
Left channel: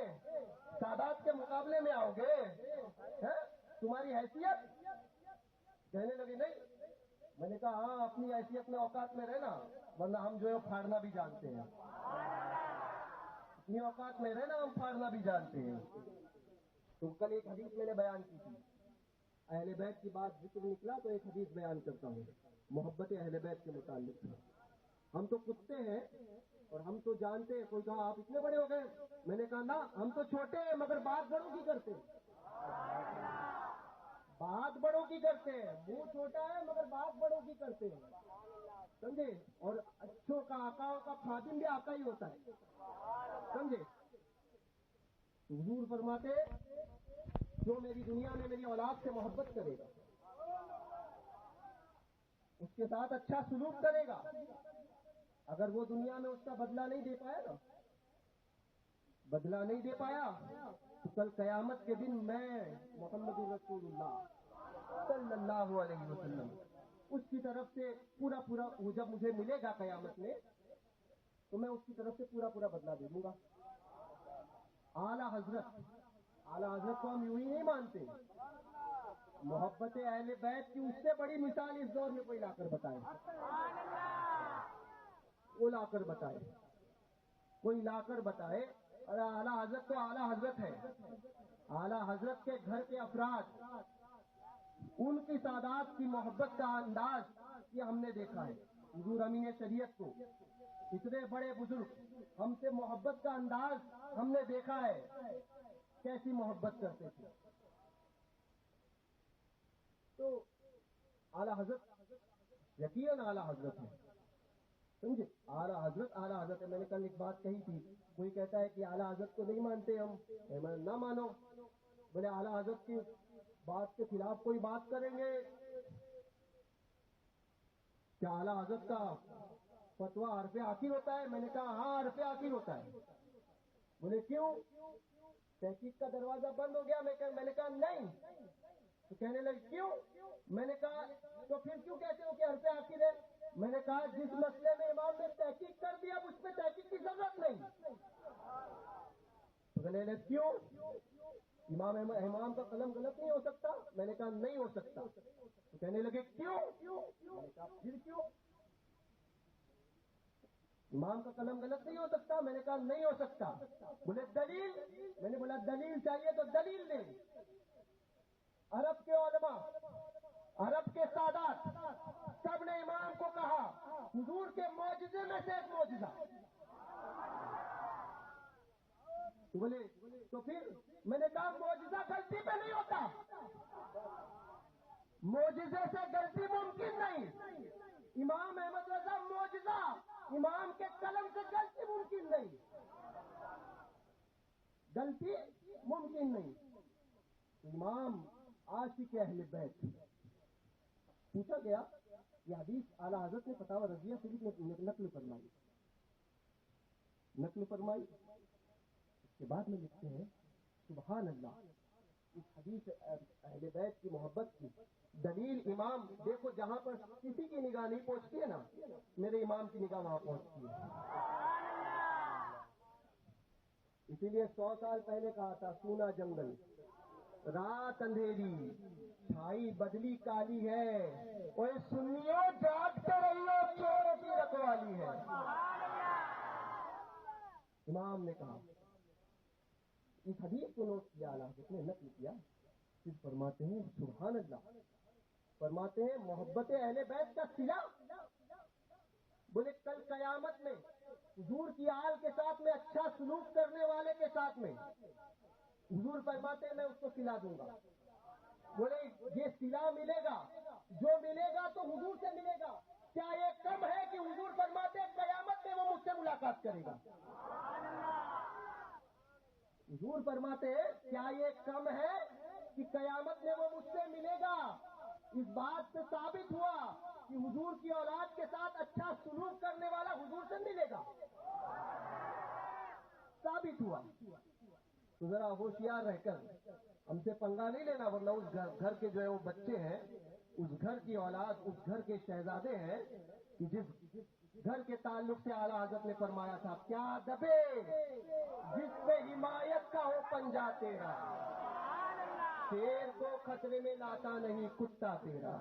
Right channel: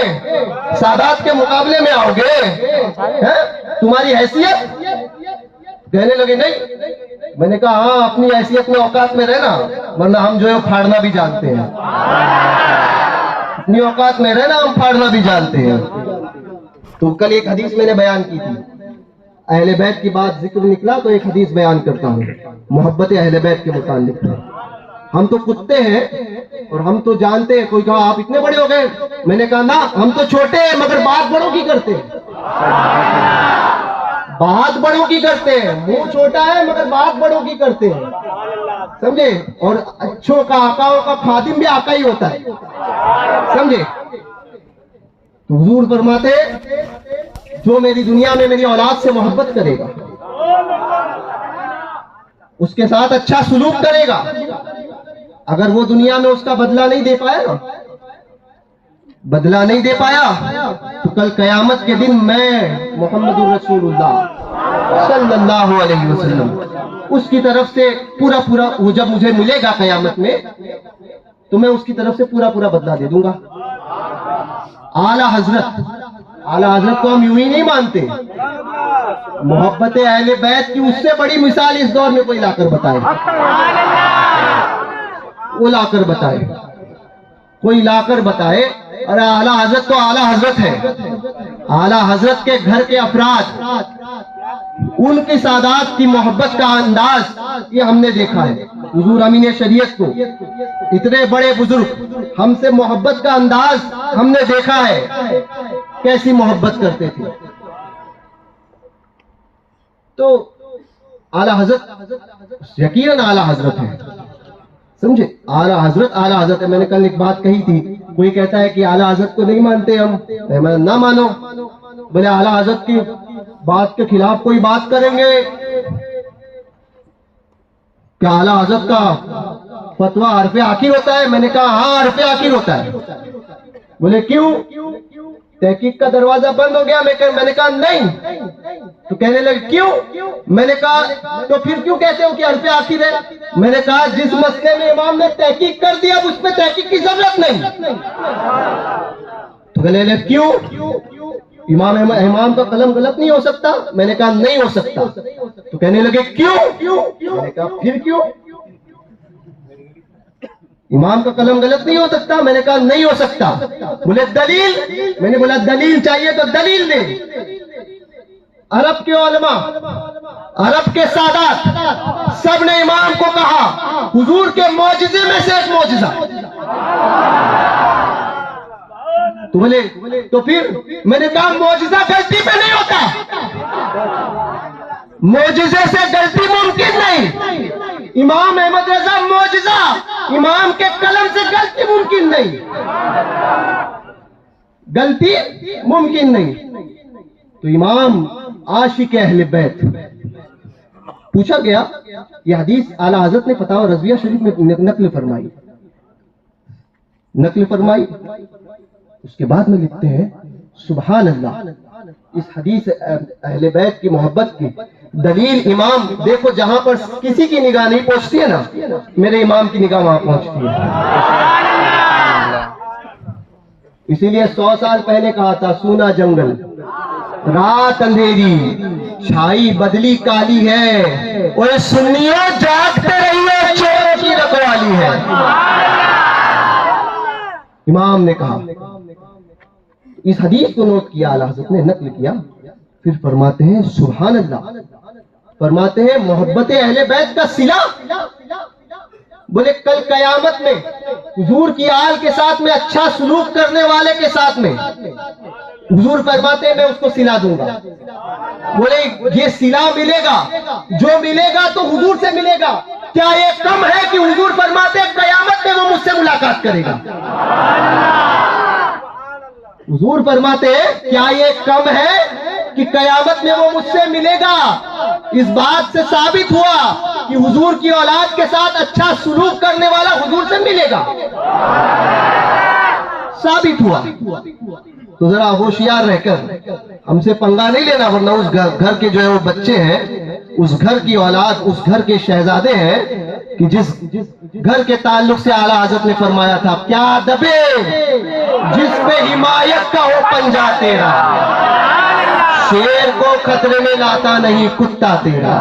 سادات کے مقابلے میں آؤ گے، تمہاری حیثیت. کہنے لگے نہیں. میں نے کہا ہاں اپنی حیثیت میں اوقات میں رہنا، ورنہ ہم جو ہے پھاڑنا بھی جانتے ہیں. اپنی اوقات میں رہنا، ہم پھاڑنا بھی جانتے ہیں. تو کل ایک حدیث میں نے بیان کی تھی، اہل بیت کی بات ذکر نکلا تو ایک حدیث بیان کرتا ہوں محبت اہل بیت کے متعلق. ہم تو کتے ہیں اور ہم تو جانتے ہیں. کوئی کہا آپ اتنے بڑے ہو گئے. میں نے کہا نا ہم تو چھوٹے ہیں مگر بات بڑوں کی کرتے ہیں. بات بڑوں کی کرتے ہیں. منہ چھوٹا ہے مگر بات بڑوں کی کرتے ہیں، سمجھے. اور اچھوں کا آقاؤں کا خادم بھی آقا ہی ہوتا ہے، سمجھے. حضور فرماتے جو میری دنیا میں میری اولاد سے محبت کرے گا، اس کے ساتھ اچھا سلوک کرے گا، اگر وہ دنیا میں اس کا بدلہ نہیں دے پایا نا، بدلہ نہیں دے پایا تو کل قیامت کے دن میں محمد الرسول اللہ صلی اللہ علیہ وسلم اس کی طرف سے پورا وہ جب مجھے ملے گا قیامت میں تو میں اس کی طرف سے پورا بدلہ دے دوں گا. اعلیٰ حضرت کو ہم یوں ہی نہیں مانتے. محبت اہل بیت کی اس سے بڑی مثال اس دور میں کوئی لا کر بتائے، وہ لا کر بتائے، کوئی لا کر بتائے. اور اعلیٰ حضرت تو اعلیٰ حضرت ہے. اعلیٰ حضرت کے گھر کے افراد ان کی سادات کی محبت کا انداز یہ ہم نے دیکھا ہے. حضور امین شریعت کو اتنے بڑے بزرگ ہم سے محبت کا انداز ہم نے دیکھا ہے، کیسی محبت کرتے تھے. تو اعلیٰ حضرت یقیناً اعلیٰ حضرت ہے، سمجھے؟ اعلیٰ حضرت ہے. میں نے کل ایک بات کہی تھی، کوئی کہتا ہے کہ اعلیٰ حضرت کو نہیں مانتے ہم، نہ مانو. بولے اعلیٰ حضرت کی بات کے خلاف کوئی بات کریں گے کیا اعلیٰ حضرت کا فتویٰ حرف آخر ہوتا ہے؟ میں نے کہا ہاں حرف آخر ہوتا ہے. بولے کیوں؟ تحقیق کا دروازہ بند ہو گیا. میں نے کہا نہیں. تو کہنے لگے کیوں؟ میں نے کہا تو پھر کیوں کہتے ہو کہ حرف آخر ہے؟ میں نے کہا جس مسئلے میں امام نے تحقیق کر دیا اب اس پہ تحقیق کی ضرورت نہیں. تو کہنے لگے کیوں؟ امام کا قلم غلط نہیں ہو سکتا؟ میں نے کہا نہیں ہو سکتا. تو کہنے لگے کیوں؟ میں نے کہا پھر کیوں؟ امام کا قلم غلط نہیں ہو سکتا؟ میں نے کہا نہیں ہو سکتا. بولے دلیل؟ میں نے بولا دلیل چاہیے تو دلیل دے. عرب کے علماء، عرب کے سادات سب نے امام کو کہا حضور کے معجزے میں سے ایک معجزہ. تو بولے تو پھر میں نے کہا معجزہ غلطی پہ نہیں ہوتا، معجزے سے غلطی ممکن نہیں. امام احمد رضا معجزہ، امام کے قلم سے غلطی ممکن نہیں، غلطی ممکن نہیں. تو امام عاشق اہل بیت. پوچھا گیا، یہ حدیث اعلیٰ حضرت نے فتاوی رضویہ شریف میں نقل فرمائی. اس کے بعد میں لکھتے ہیں سبحان اللہ، اس حدیث اہل بیت کی محبت کی دلیل امام دیکھو جہاں پر کسی کی نگاہ نہیں پہنچتی ہے نا، میرے امام کی نگاہ وہاں پہنچتی ہے. اسی لیے 100 سال پہلے کہا تھا سونا جنگل، رات اندھیری، چھائی بدلی کالی ہے، اور سنیوں جاگتے رہیے چوروں کی رکھوالی ہے. امام نے کہا. اس حدیث کو نوٹ کیا اعلیٰ حضرت نے، نقل کیا، پھر فرماتے ہیں سبحان اللہ، فرماتے ہیں محبت اہل بیت کا صلہ. بولے کل قیامت میں حضور کی آل کے ساتھ میں اچھا سلوک کرنے والے کے ساتھ میں حضور فرماتے ہیں میں اس کو صلہ دوں گا. بولے یہ صلہ ملے گا، جو ملے گا تو حضور سے ملے گا. کیا یہ کم ہے کہ حضور فرماتے ہیں قیامت میں وہ مجھ سے ملاقات کرے گا؟ حضور فرماتے ہیں کیا یہ کم ہے کہ قیامت میں وہ مجھ سے ملے گا؟ اس بات سے ثابت ہوا کہ حضور کی اولاد کے ساتھ اچھا سلوک کرنے والا حضور سے ملے گا، ثابت ہوا. تو ذرا ہوشیار رہ کر ہم سے پنگا نہیں لینا، ورنہ اس گھر کے جو ہے وہ بچے ہیں، اس گھر کی اولاد، اس گھر کے شہزادے ہیں کہ جس گھر کے تعلق سے اعلیٰ حضرت نے فرمایا تھا کیا دبے جس پہ حمایت کا ہو پنجہ تیرا، شیر کو خطرے میں لاتا نہیں کتا تیرا.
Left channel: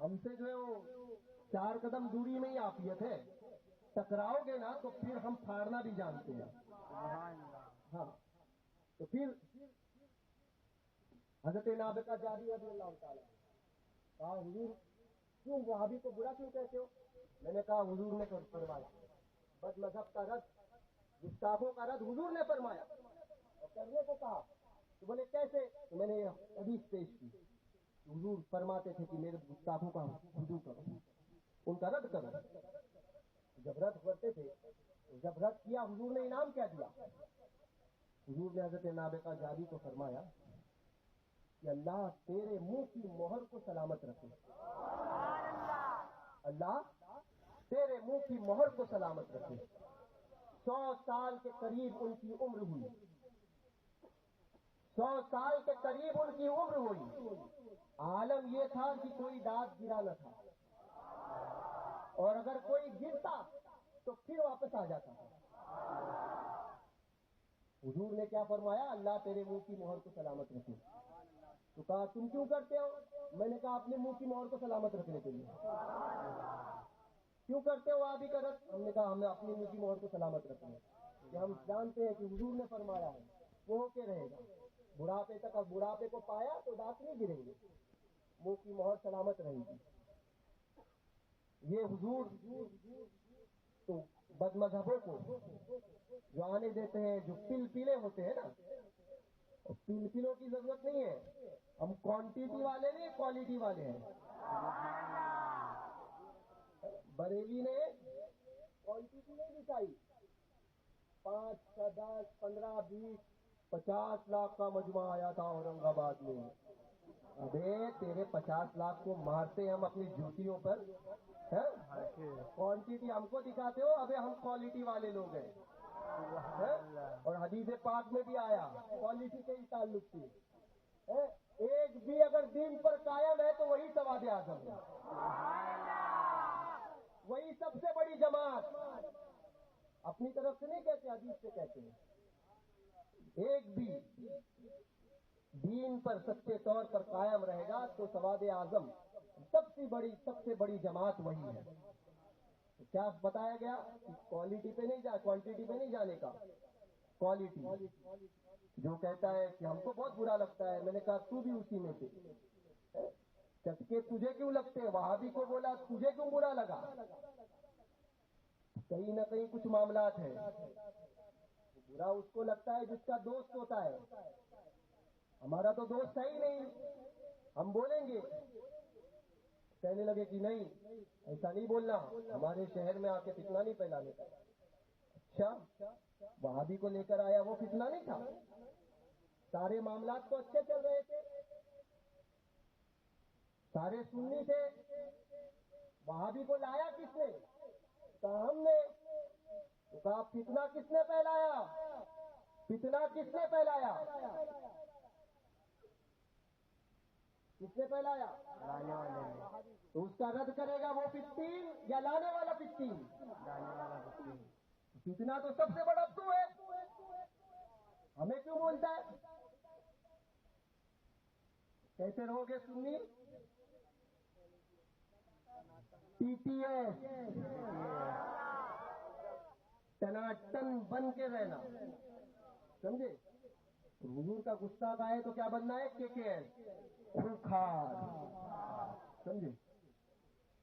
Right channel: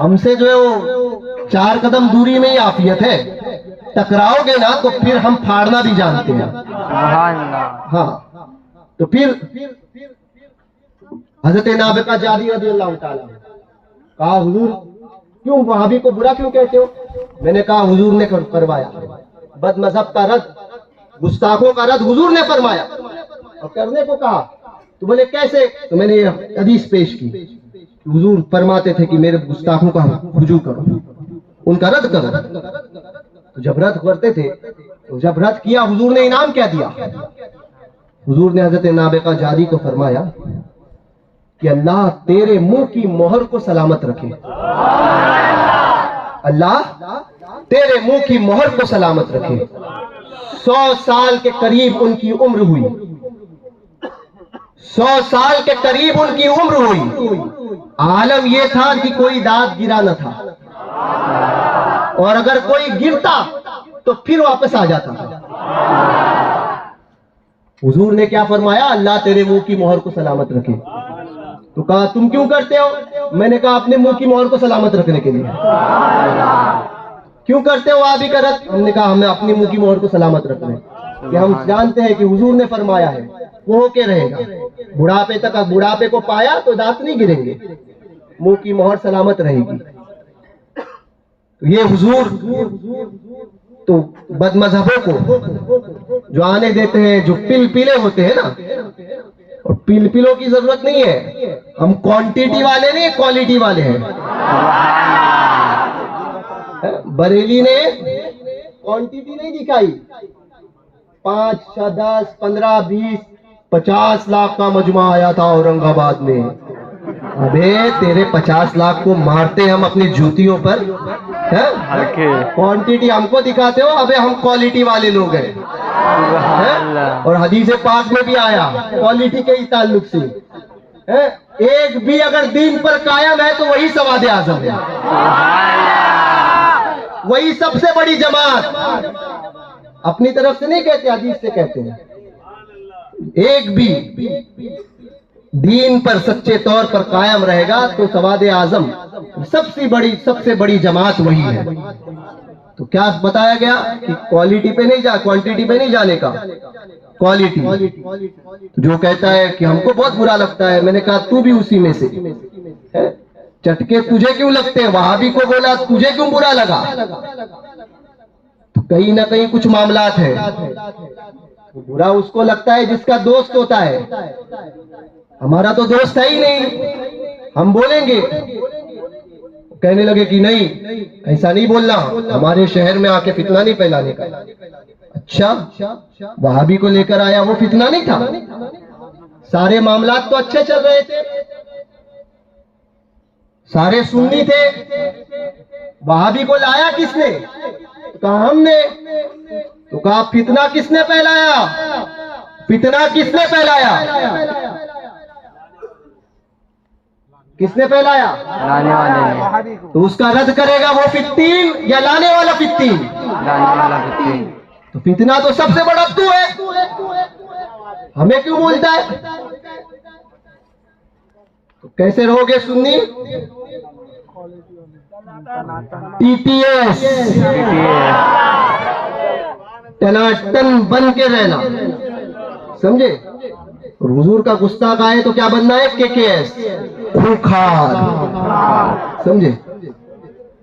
ہم سے جو ہے وہ 4 قدم دوری میں ہی عافیت ہے، ٹکراؤ گے نا تو پھر ہم پھاڑنا بھی جانتے ہیں. ہاں تو پھر حضرت نابغہ جادی رضی اللہ تعالیٰ کہا حضور کیوں وہابی کو برا کیوں کہتے ہو؟ میں نے کہا حضور نے فرمایا بد مذہب کا رد، گستاخوں کا رد حضور نے فرمایا اور کرنے کو کہا. تو بولے کیسے؟ تو میں نے یہ حدیث پیش کی، حضور فرماتے تھے کہ میرے گستاخوں کا رجوع کرو، ان کا رد کرو. تو جب رد کرتے تھے، تو جب رد کیا حضور نے انعام کیا دیا؟ حضور نے حضرت نابغہ جادی کو فرمایا کہ اللہ تیرے منہ کی مہر کو سلامت رکھے، اللہ تیرے منہ کی مہر کو سلامت رکھے. 100 سال کے قریب ان کی عمر ہوئی، 100 سال کے قریب ان کی عمر ہوئی. عالم یہ تھا کہ کوئی داد گرا نہ تھا، اور اگر کوئی گرتا تو پھر واپس آ جاتا تھا. حضور نے کیا فرمایا؟ اللہ تیرے منہ کی مہر کو سلامت رکھے. تو کہا تم کیوں کرتے ہو؟ میں نے کہا اپنے منہ کی مہر کو سلامت رکھنے کے لیے. کیوں کرتے ہو آپ ہی کا رد؟ ہم نے کہا ہمیں اپنی منہ کی مہر کو سلامت رکھنا ہے، کہ ہم جانتے ہیں کہ حضور نے فرمایا ہے وہ ہو کے رہے گا بڑھاپے تک. بڑھاپے کو پایا تو دانت نہیں گریں گے, منہ کی مہر سلامت رہے گی. یہ حضور تو بد مذہبوں کو جو آنے دیتے ہیں, جو پیلے ہوتے ہیں نا, اور پیلوں کی ضرورت نہیں ہے, ہم کوانٹیٹی والے نہیں, کوالٹی والے ہیں. بریلی نے کوانٹیٹی نہیں دکھائی, 5, 10, 15, 20, 50 لاکھ کا مجمع آیا تھا اورنگ آباد میں. ابے تیرے 50 لاکھ کو مارتے ہم اپنی جوتیوں پر, کوانٹیٹی ہم کو دکھاتے ہو. ابے ہم کوالٹی والے لوگ ہیں, اور حدیث پاک میں بھی آیا کوالٹی کے ہی تعلق سے. ایک بھی اگر دین پر قائم ہے تو وہی سواد اعظم ہے, وہی سب سے بڑی جماعت. اپنی طرف سے نہیں کہتے, حدیث سے کہتے ہیں. ایک بھی دین پر سچے طور پر قائم رہے گا تو سواد اعظم, سب سے بڑی جماعت وہی ہے. تو کیا بتایا گیا کہ کوالٹی پہ نہیں کوانٹیٹی پہ نہیں جانے کا, کوالٹی. جو کہتا ہے کہ ہم کو بہت برا لگتا ہے, میں نے کہا تو بھی اسی میں سے. چٹکے تجھے کیوں لگتے ہیں؟ وہابی کو بولا تجھے کیوں برا لگا؟ تو کہیں نہ کہیں کچھ معاملات ہیں. برا اس کو لگتا ہے جس کا دوست ہوتا ہے. ہمارا تو دوست ہے ہی نہیں, ہم بولیں گے. کہنے لگے کہ نہیں ایسا نہیں بولنا, ہمارے شہر میں آ کے فتنہ نہیں پھیلانے کا. اچھا, وہابی کو لے کر آیا, وہ فتنہ نہیں تھا؟ سارے معاملات تو اچھے چل رہے تھے, سارے سنی تھے. وہابی کو لایا کس نے؟ کہا ہم نے. تو کہا فتنہ کس نے پھیلایا؟ فتنہ کس نے پھیلایا؟ کس نے پھیلایا؟ لانے والے نے. تو اس کا رد کرے گا وہ فتین یا لانے والا فتین؟ لانے والا فتنہ. تو فتنہ تو سب سے بڑا تو ہے, ہمیں کیوں بولتا ہے؟ تو کیسے رہو گے سنی؟ ٹی پی ایس ٹناٹن بن کے رہنا, سمجھے؟ اور حضور کا گستاخ آئے تو کیا بننا ہے؟ کے ایس, خوخار, سمجھے؟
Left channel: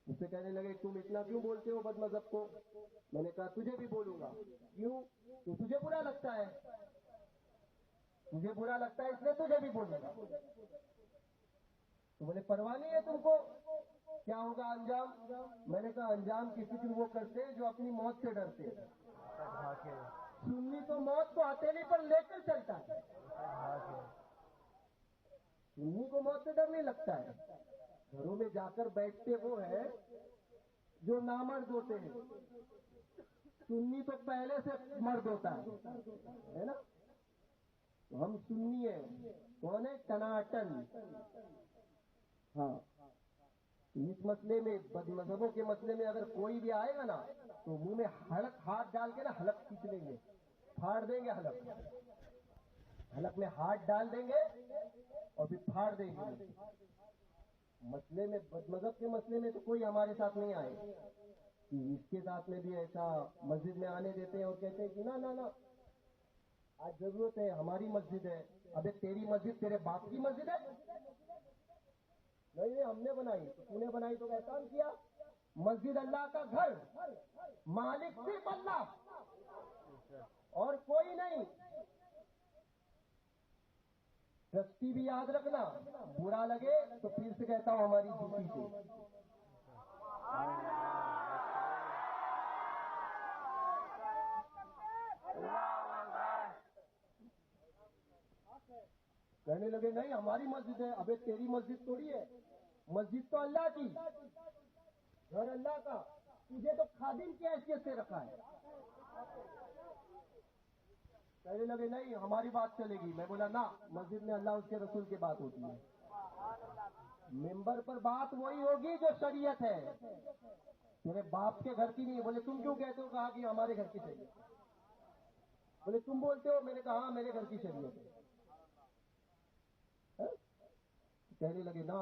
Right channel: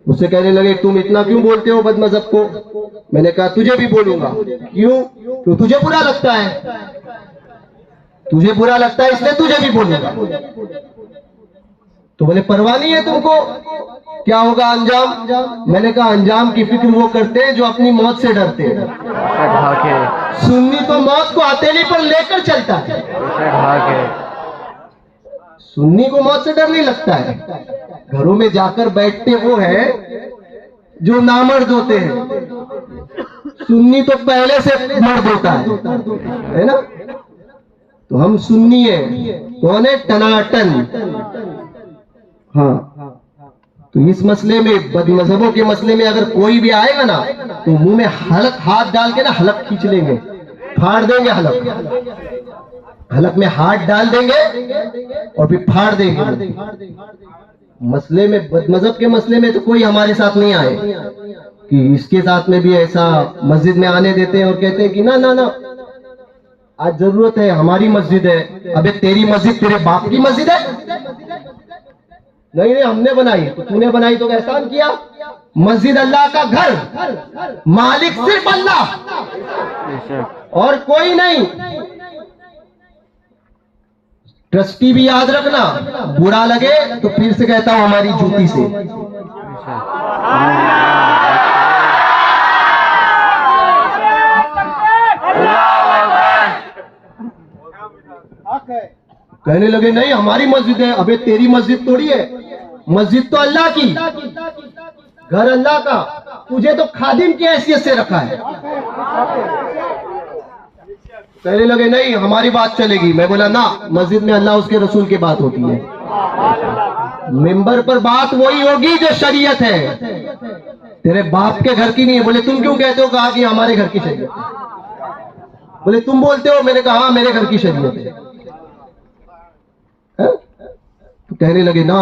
اس سے کہنے لگے تم اتنا کیوں بولتے ہو بد مذہب کو؟ میں نے کہا تجھے بھی بولوں گا. کیوں؟ تجھے برا لگتا ہے, تجھے برا لگتا ہے اس لیے تجھے بھی بولوں گا. تو بولے پرواہ نہیں ہے تم کو, کیا ہوگا انجام؟ میں نے کہا انجام کی فکر وہ کرتے ہیں جو اپنی موت سے ڈرتے ہیں. سنی تو موت کو ہتھیلی پر لے کر چلتا ہے, سنی کو موت سے ڈر نہیں لگتا ہے. گھروں میں جا کر بیٹھتے وہ ہیں جو نامرد ہوتے ہیں, سنی تو پہلے سے مرد ہوتا ہے نا. تو ہم سنی ہیں, کون ہے؟ ٹناٹن. ہاں, تو اس مسئلے میں بد مذہبوں کے مسئلے میں اگر کوئی بھی آئے گا نا تو منہ میں حلق ہاتھ ڈال کے نا حلق کھینچ لیں گے, پھاڑ دیں گے حلق, حلق میں ہاتھ ڈال دیں گے اور پھر پھاڑ دیں گے. مسئلے میں بد مذہب کے مسئلے میں تو کوئی ہمارے ساتھ نہیں آئے کہ اس کے ساتھ میں بھی ایسا مسجد میں آنے دیتے ہیں اور کہتے ہیں کہ نہ آج ضرورت ہے, ہماری مسجد ہے. ابے تیری مسجد تیرے باپ کی مسجد ہے؟ نہیں ہم نے بنائی. تو نے بنائی تو احسان کیا. مسجد اللہ کا گھر, مالک صرف اللہ اور کوئی نہیں. ٹرسٹی بھی یاد رکھنا, برا لگے تو پھر سے کہتا ہوں ہماری جوتی سے. کہنے لگے نہیں ہماری مسجد ہے. ابے تیری مسجد تھوڑی ہے, مسجد تو اللہ کی, گھر اللہ کا. تجھے تو خادم کی حیثیت سے رکھا ہے. کہنے لگے نہیں ہماری بات چلے گی. میں بولا نہ, مسجد میں اللہ اس کے رسول کی بات ہوتی ہے, ممبر پر بات وہی ہوگی جو شریعت ہے, تیرے باپ کے گھر کی نہیں ہے. بولے تم کیوں کہتے ہو؟ کہا کہ ہمارے گھر کی شریعت ہے. بولے تم بولتے ہو؟ میں نے کہا ہاں میرے گھر کی شریعت ہے. تو کہنے لگے نہ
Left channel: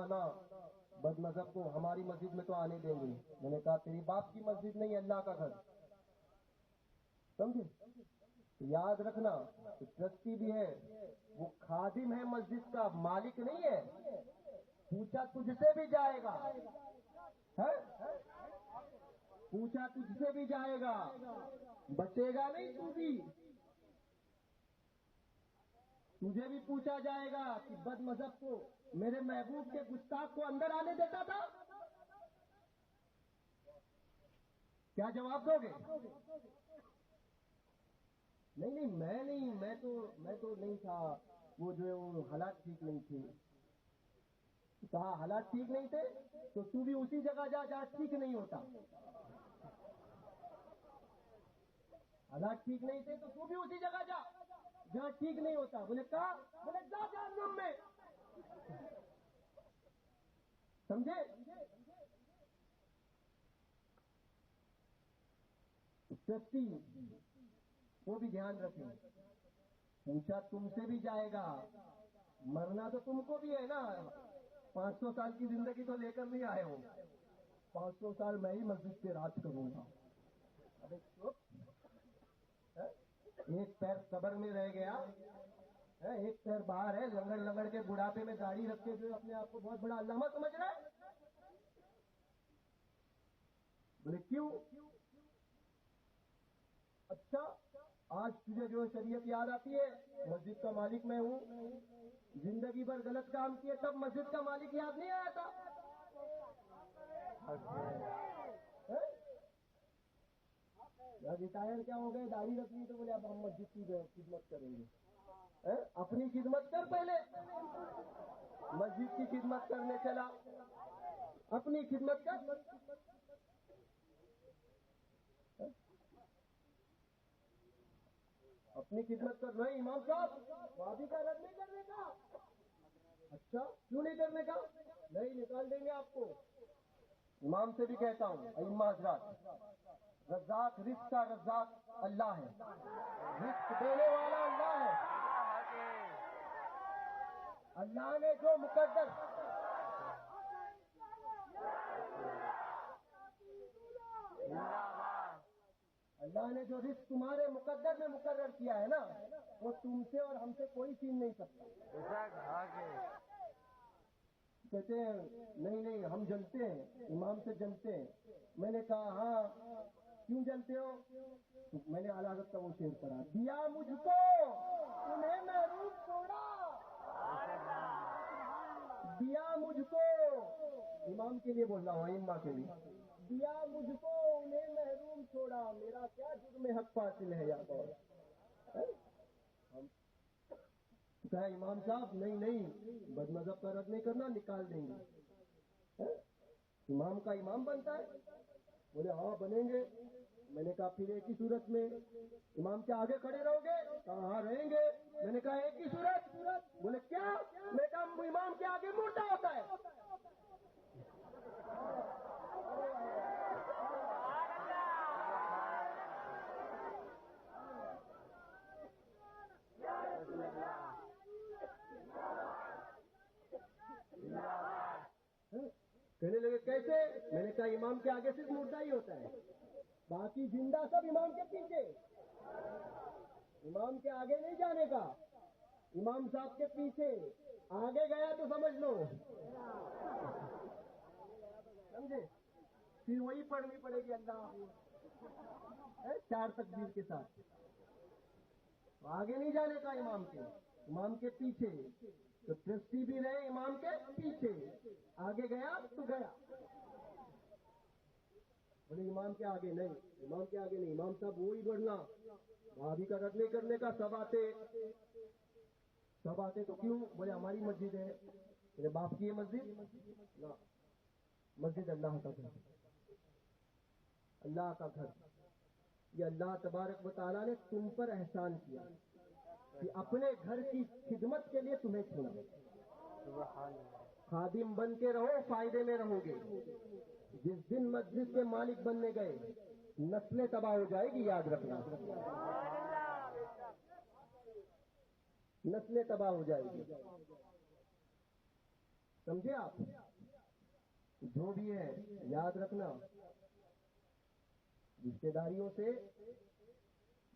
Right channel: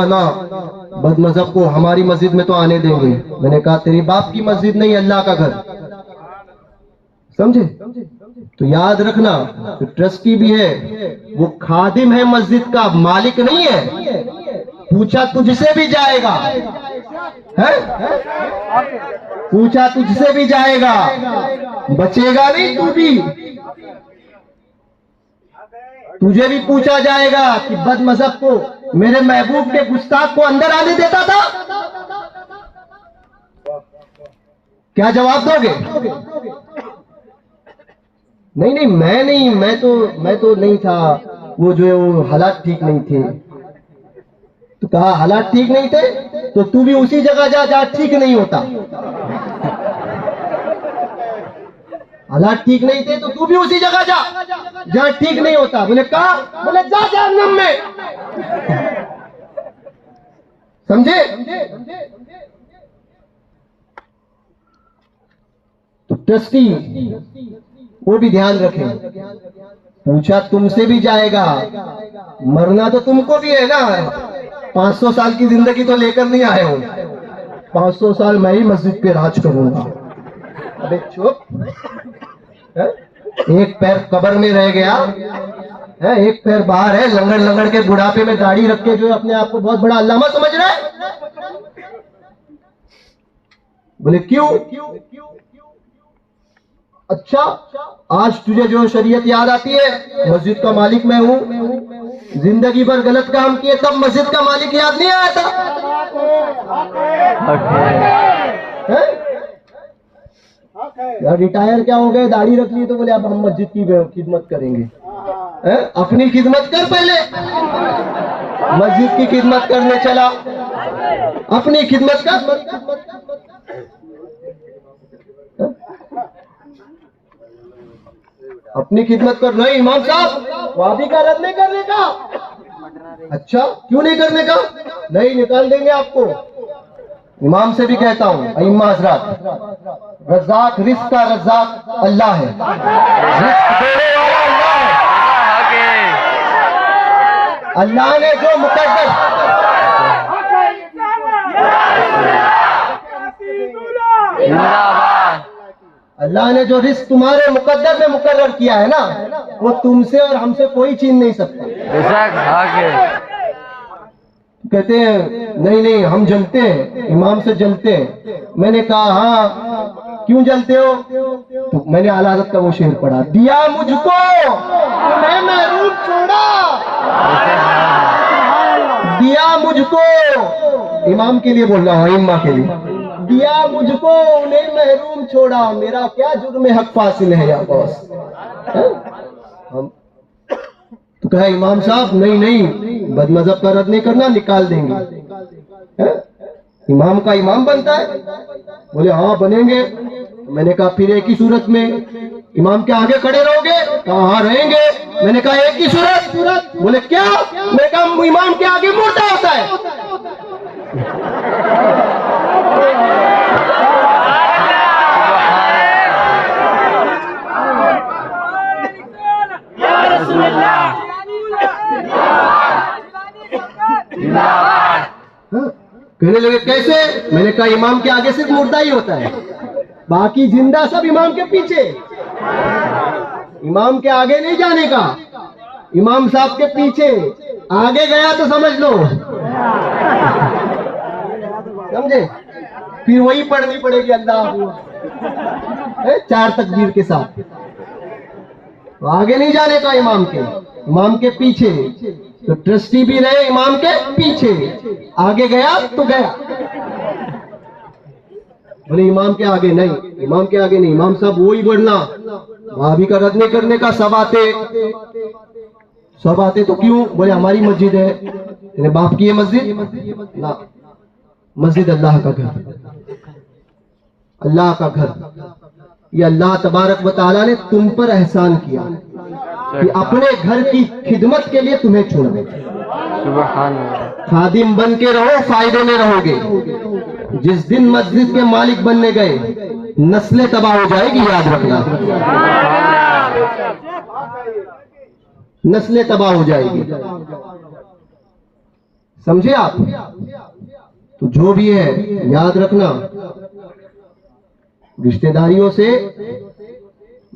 بد مذہب کو ہماری مسجد میں تو آنے دیں گے. میں نے کہا تیری باپ کی مسجد نہیں, اللہ کا گھر, سمجھے؟ تو یاد رکھنا جو ٹرسٹی بھی ہے وہ خادم ہے مسجد کا، مالک نہیں ہے. پوچھا تجھ سے بھی جائے گا، پوچھا تجھ سے بھی جائے گا، بچے گا نہیں تو بھی. تجھے بھی پوچھا جائے گا کہ بد مذہب کو، میرے محبوب کے گستاخ کو اندر آنے دیتا تھا؟ کیا جواب دو گے؟ نہیں میں تو نہیں تھا، وہ جو ہے وہ حالات ٹھیک نہیں تھے. تو کہا حالات ٹھیک نہیں تھے تو تو بھی اسی جگہ جا جہاں ٹھیک نہیں ہوتا. حالات ٹھیک نہیں تھے تو تو بھی اسی جگہ جا جہاں ٹھیک نہیں ہوتا. بولے کہا؟ بولے جا جہنم میں. سمجھے؟ تو ٹرسٹی وہ بھی دھیان رکھیں. پوچھا تم سے بھی جائے گا، مرنا تو تم کو بھی ہے نا. 500 سال کی زندگی تو لے کر نہیں آئے ہوں. 500 سال میں ہی مسجد پہ راج کروں گا. ابے چپ، ایک پیر قبر میں رہ گیا، ایک پیر باہر ہے، لنگڑ لنگڑ کے بڑھاپے میں داڑھی رکھ کے جو اپنے آپ کو بہت بڑا علامہ سمجھ رہا ہے. بولے کیوں؟ اچھا آج تجھے جو شریعت یاد آتی ہے؟ مسجد کا مالک میں ہوں. زندگی بھر غلط کام کیے تب مسجد کا مالک یاد نہیں آیا تھا؟ ریٹائر کیا ہو گئے، داڑھی رکھ لی تو بولے اب ہم مسجد کی خدمت کریں گے. اپنی خدمت کر، پہلے مسجد کی خدمت کرنے چلا. اپنی خدمت کر. اپنی خدمت کر. نہیں امام صاحب وادی کا رد نہیں کرنے کا. اچھا کیوں نہیں کرنے کا؟ نہیں نکال دیں گے آپ کو. امام سے بھی کہتا ہوں، ائمہ حضرات، رزاق رزق کا رزاق اللہ ہے، رزق دینے والا اللہ ہے. اللہ نے جو مقدر اللہ نے جو رزق تمہارے مقدر میں مقرر کیا ہے نا، وہ تم سے اور ہم سے کوئی چھین نہیں سکتا. کہتے ہیں نہیں ہم جلتے ہیں، امام سے جلتے ہیں. میں نے کہا ہاں کیوں جلتے ہو؟ تو میں نے اعلیٰ حضرت کا وہ شعر پڑھا، دیا مجھ کو تمہیں محروم چھوڑا، دیا مجھ کو. امام کے لیے بول رہا ہوں، ائمہ کے لیے. دیا مجھ کو انہیں محروم چھوڑا، میرا کیا جرم حق فاصل ہے یا باس. تو کہا امام صاحب نہیں بد مذہب کا رد نہیں کرنا، نکال دیں گے. امام کا امام بنتا ہے؟ بولے ہاں بنیں گے. میں نے کہا پھر ایک ہی صورت میں امام کے آگے کھڑے رہو گے؟ کہا ہاں رہیں گے. میں نے کہا ایک ہی صورت؟ بولے کیا؟ میں نے کہا امام کے آگے مردہ ہوتا ہے. کہنے لگے کیسے؟ میں نے کہا امام کے آگے صرف مردہ ہی ہوتا ہے، باقی زندہ سب امام کے پیچھے. امام کے آگے نہیں جانے کا، امام صاحب کے پیچھے. آگے گیا تو سمجھ لو، سمجھے؟ پھر وہی پڑھنی پڑے گی اللہ 4 تکبیر کے ساتھ. آگے نہیں جانے کا امام کے پیچھے. تو ٹرسٹی بھی رہے امام کے پیچھے، آگے گیا تو گیا. بولے امام کے آگے نہیں، امام کے آگے نہیں. امام صاحب وہی بڑھنا، بھابھی کا رد نہیں کرنے کا. سب آتے تو کیوں؟ بولے ہماری مسجد ہے. تیرے باپ کی ہے مسجد؟ نہ، مسجد اللہ کا گھر، اللہ کا گھر. یہ اللہ تبارک و تعالیٰ نے تم پر احسان کیا کہ اپنے گھر کی خدمت کے لیے تمہیں چنا. خادم بن کے رہو، فائدے میں رہو گے. جس دن مسجد کے مالک بننے گئے نسلیں تباہ ہو جائے گی، یاد رکھنا. نسلیں تباہ ہو جائے گی، سمجھے آپ؟ تو جو بھی ہے یاد رکھنا، رشتہ داریوں سے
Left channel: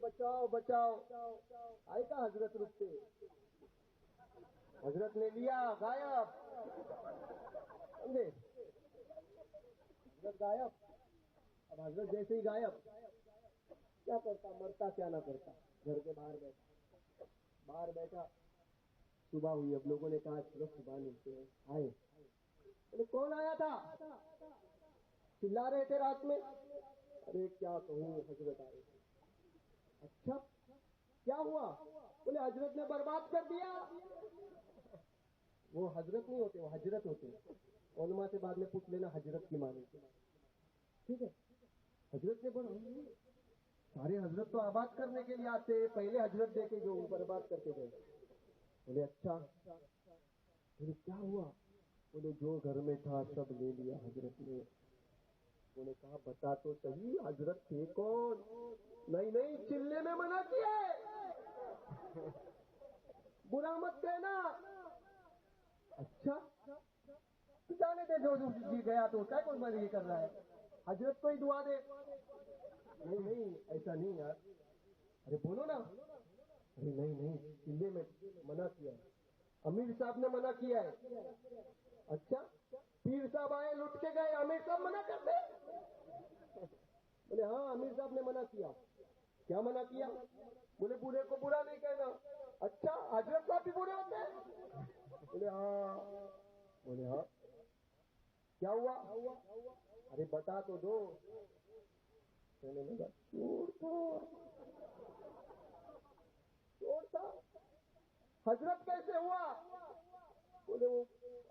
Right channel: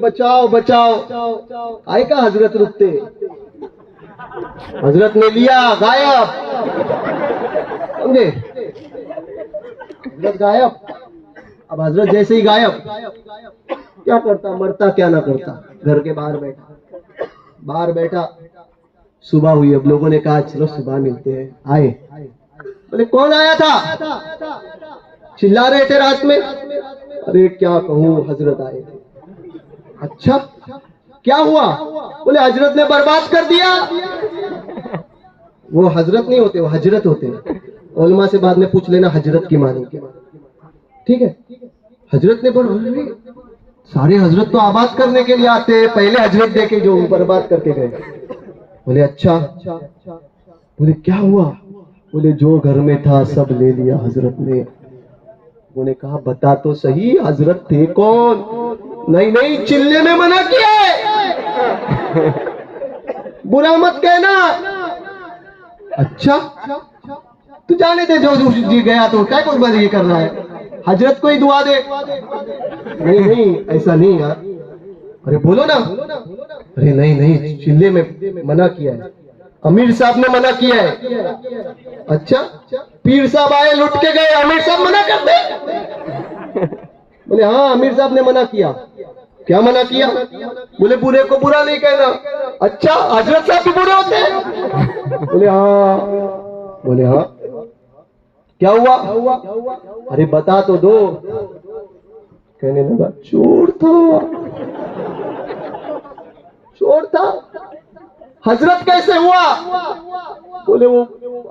بچاؤ بچاؤ، آئے کا حضرت رکتے، حضرت نے لیا غائب، سمجھے؟ حضرت غائب. اب حضرت جیسے ہی غائب، کیا کرتا؟ مرتا کیا نہ کرتا، گھر کے باہر بیٹھا. صبح ہوئی، اب لوگوں نے کہا چلو صبح ملتے ہیں. آئے، بولے کون آیا تھا؟ چلا رہے تھے رات میں. ارے کیا کہوں، حضرت آئے تھے. اچھا کیا ہوا؟ بولے حضرت نے برباد کر دیا. وہ حضرت نہیں ہوتے، وہ حجرت ہوتے ہیں. علماء سے بعد میں پوچھ لینا حجرت کی معنی کیا، ٹھیک ہے؟ حضرت نے سارے حضرت تو آباد کرنے کے لیے آتے ہیں، پہلے حضرت دے کے جو برباد کر کے گئے. بولے اچھا. بولے کیا ہوا؟ بولے جو گھر میں تھا سب لے لیا حضرت نے. انہوں نے کہا بتا تو صحیح حضرت تھے کون؟ نہیں چلنے میں منع کیا ہے، برا مت کہنا. اچھا تو جانے دے، جو جی گیا تو کیا کوئی بات یہ کر رہا ہے، حضرت کو ہی دعا دے. نہیں ایسا نہیں یار. ارے بولو نا. ارے نہیں چلنے میں منع کیا ہے، امیر صاحب نے منع کیا ہے. اچھا پیر صاحب آئے لٹ کے گئے، امیر صاحب منع کرتے؟ بولے ہاں امیر صاحب نے منع کیا. کیا منع کیا؟ بولے برے کو برا نہیں کہنا. اچھا حضرت صاحب بھی برے ہوتے ہیں؟ بولے ہاں. بولے ہاں کیا ہوا؟ ارے بتا تو دو. کہنے لگا چور تھا. حضرت کیسے ہوا؟ بولے وہ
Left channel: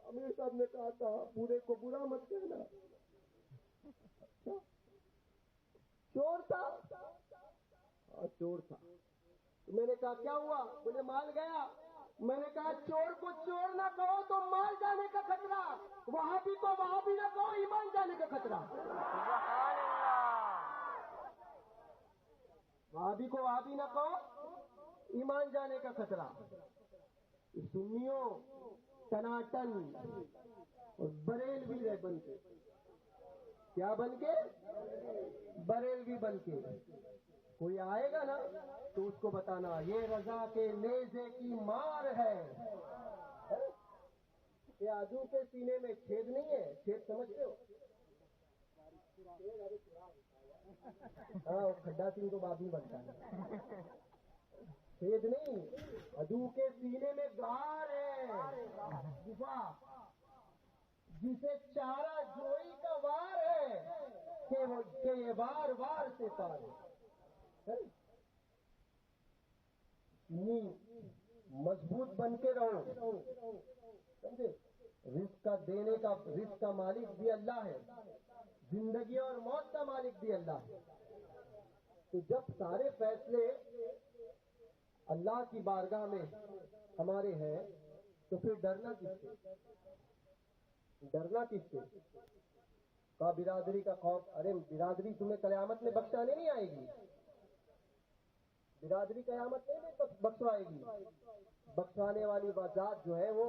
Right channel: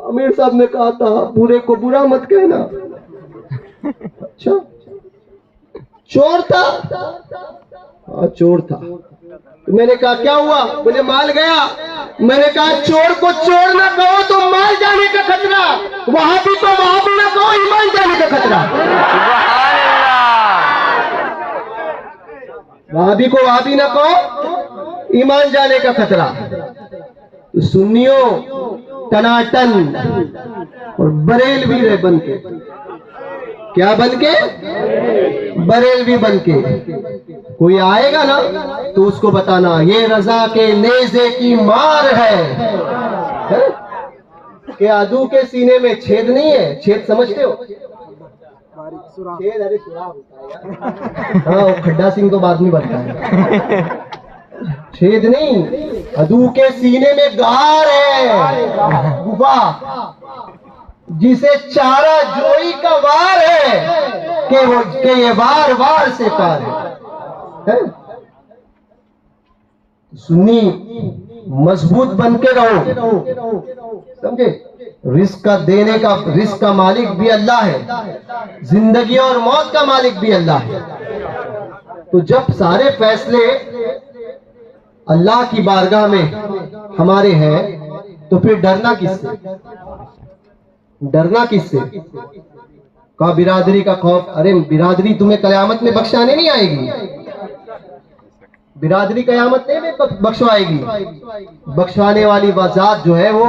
امیر صاحب نے کہا تھا برے کو برا مت کہنا. اچھا چور تھا؟ ہاں چور تھا. میں نے کہا کیا ہوا؟ بولے مال گیا. میں نے کہا چور کو چور نہ کہو تو مال جانے کا خطرہ، وہاں بھی تو وہاں بھی نہ کہو ایمان جانے کا خطرہ. وہاں بھی کو وہاں بھی نہ کہو ایمان جانے کا خطرہ. سنیوں ٹناٹن اور بریلوی رہے بن کے. کیا بن کے؟ بریلوی بن کے. کوئی آئے گا نا تو اس کو بتانا یہ رضا کے نیزے کی مار ہے کہ عدو کے سینے میں چھید نہیں ہے. چھید سمجھتے ہو؟ چھید ارے سوراخ ہوتا ہے. ہاں کھڈا سنگھ تو بعد میں بنتا ہے. چھید نہیں، عدو کے سینے میں غار ہے، گفا جسے چارہ جوئی کا وار ہے کہ یہ وار سے پار ہے. سنی مضبوط بن کے رہو، سمجھے؟ رزق کا دینے کا، رزق کا مالک بھی اللہ ہے، زندگی اور موت کا مالک بھی اللہ ہے. تو جب سارے فیصلے اللہ کی بارگاہ میں ہمارے ہیں تو پھر ڈرنا کس سے؟ کہا برادری کا خوف. ارے برادری تمہیں قیامت میں بخشانے نہیں آئے گی. برادری قیامت میں بخشوائے گی. بخشوانے والی ذات جو ہے وہ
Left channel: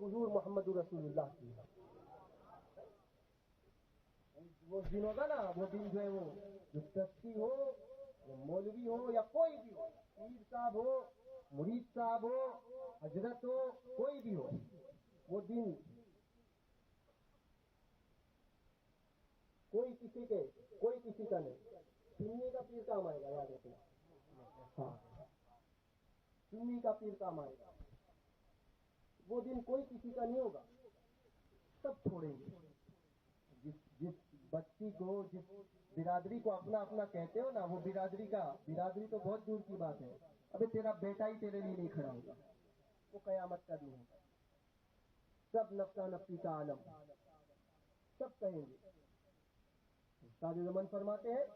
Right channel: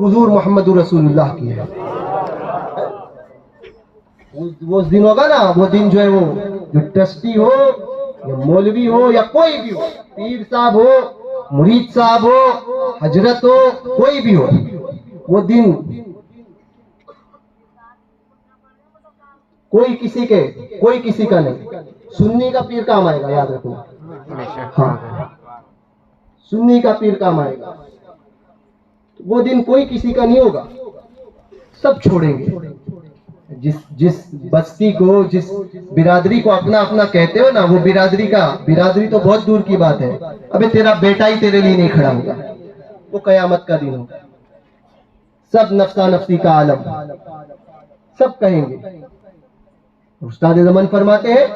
حضور محمد رسول اللہ کی ہے. وہ دن ہوگا نا، وہ دن جو ہے وہ جو ٹرسٹی ہو یا مولوی ہو یا کوئی بھی ہو، پیر صاحب ہو، مرید صاحب ہو، حضرت ہو، کوئی بھی ہو، وہ دن کوئی کسی کا نہیں. سنی کا پیر کام آئے گا، یاد رکھنا. ہاں سنی کا پیر کام آئے گا. وہ دن کوئی کسی کا نہیں ہوگا، سب چھوڑیں گے. جس بستی کو، جس برادری کو اپنا کہتے ہو نا، وہ برادری تو بہت دور کی بات ہے. ابے تیرا بیٹا ہی تیرے لیے نہیں کھڑا ہوگا. وہ قیامت کا دن ہوگا. سب نفسا نفسی کا عالم، سب کہیں گے. استاد زمان فرماتے ہیں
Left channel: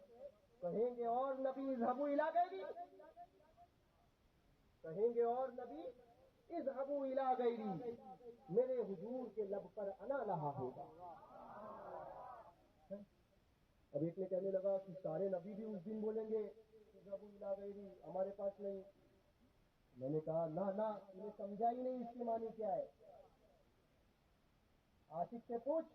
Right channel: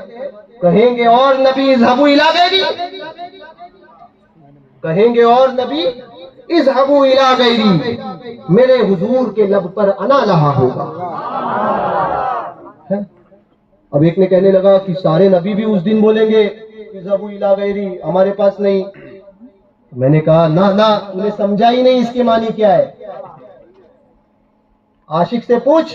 کہیں گے اور نبی اذهبوا الی غیری، کہیں گے اور نبی اذهبوا الی غیری، میرے حضور کے لب پر انا لہا ہوگا. اب ایک نے کہنے لگا کہ سارے نبی بھی اس دن بولیں گے اذهبوا الی غیری، ہمارے پاس نہیں. میں نے کہا نہ انہیں سمجھا ہی نہیں اس کے معنی کیا ہے. عاشق سے پوچھ،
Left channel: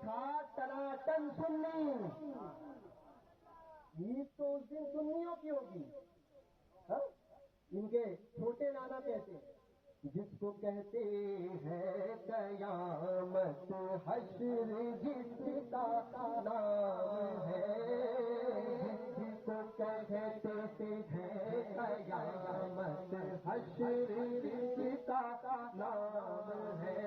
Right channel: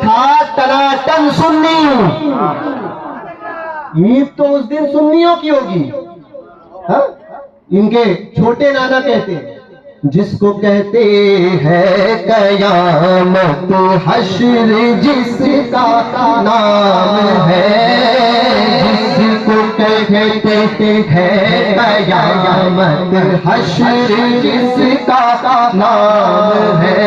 تھا تناٹن سنی، عید تو اس دن سنیوں کی ہوگی. ہاں ان کے چھوٹے نانا کہتے ہیں جس کو کہتے ہیں قیامت حشر جس کا نام ہے، جس کو کہتے ہیں قیامت حشر جس کا نام ہے،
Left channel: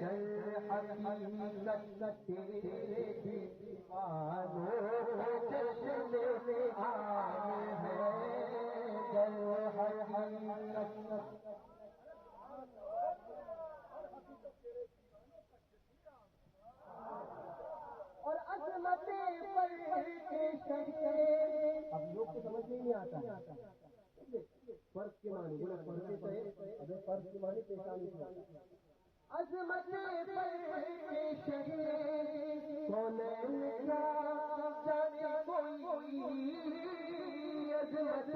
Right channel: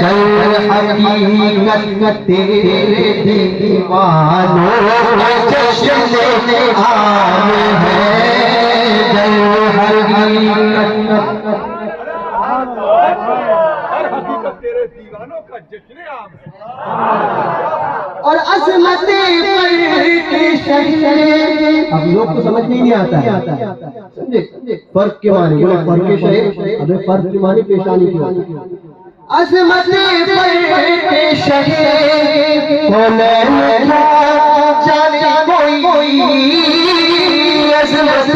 در حقیقت تیرے دیوانوں کا جشن عام ہے، در حقیقت اور عظمت اب لوگ کو سمجھ نہیں آتا ہے، سمجھے فرق کے معنی، فرق کے شہر، ابھی فرق کے معنی پیشانی کی ہوتی ہے. عظمت شہر کونین جانے کوئی، عظمت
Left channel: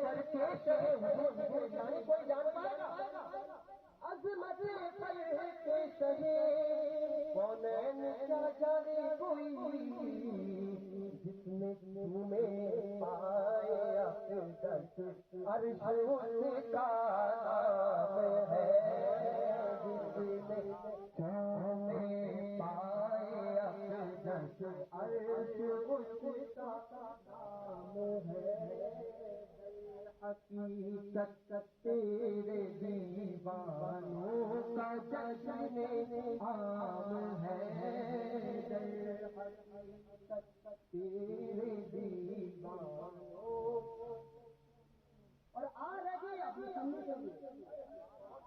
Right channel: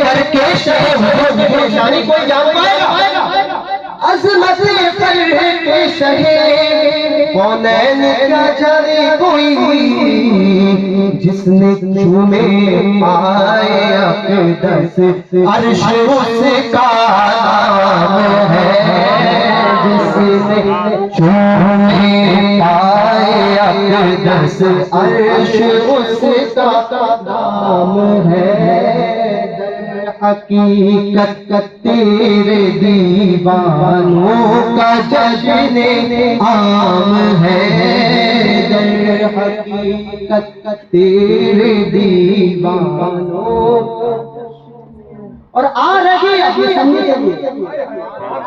کر کے شہر پیشانی کوئی جان پائے گا. عظمت کر کے شہر کونین کا جانے کوئی، جس نے چومے پائے اقدس عرش اس کا نام ہے، جس نے چومے پائے اقدس عرش اس کا نام ہے، حقیقت تیرے دیوانوں کا جشن عام ہے، در حقیقت تیرے دیوانوں. اور آ رہی ابھی سمجھے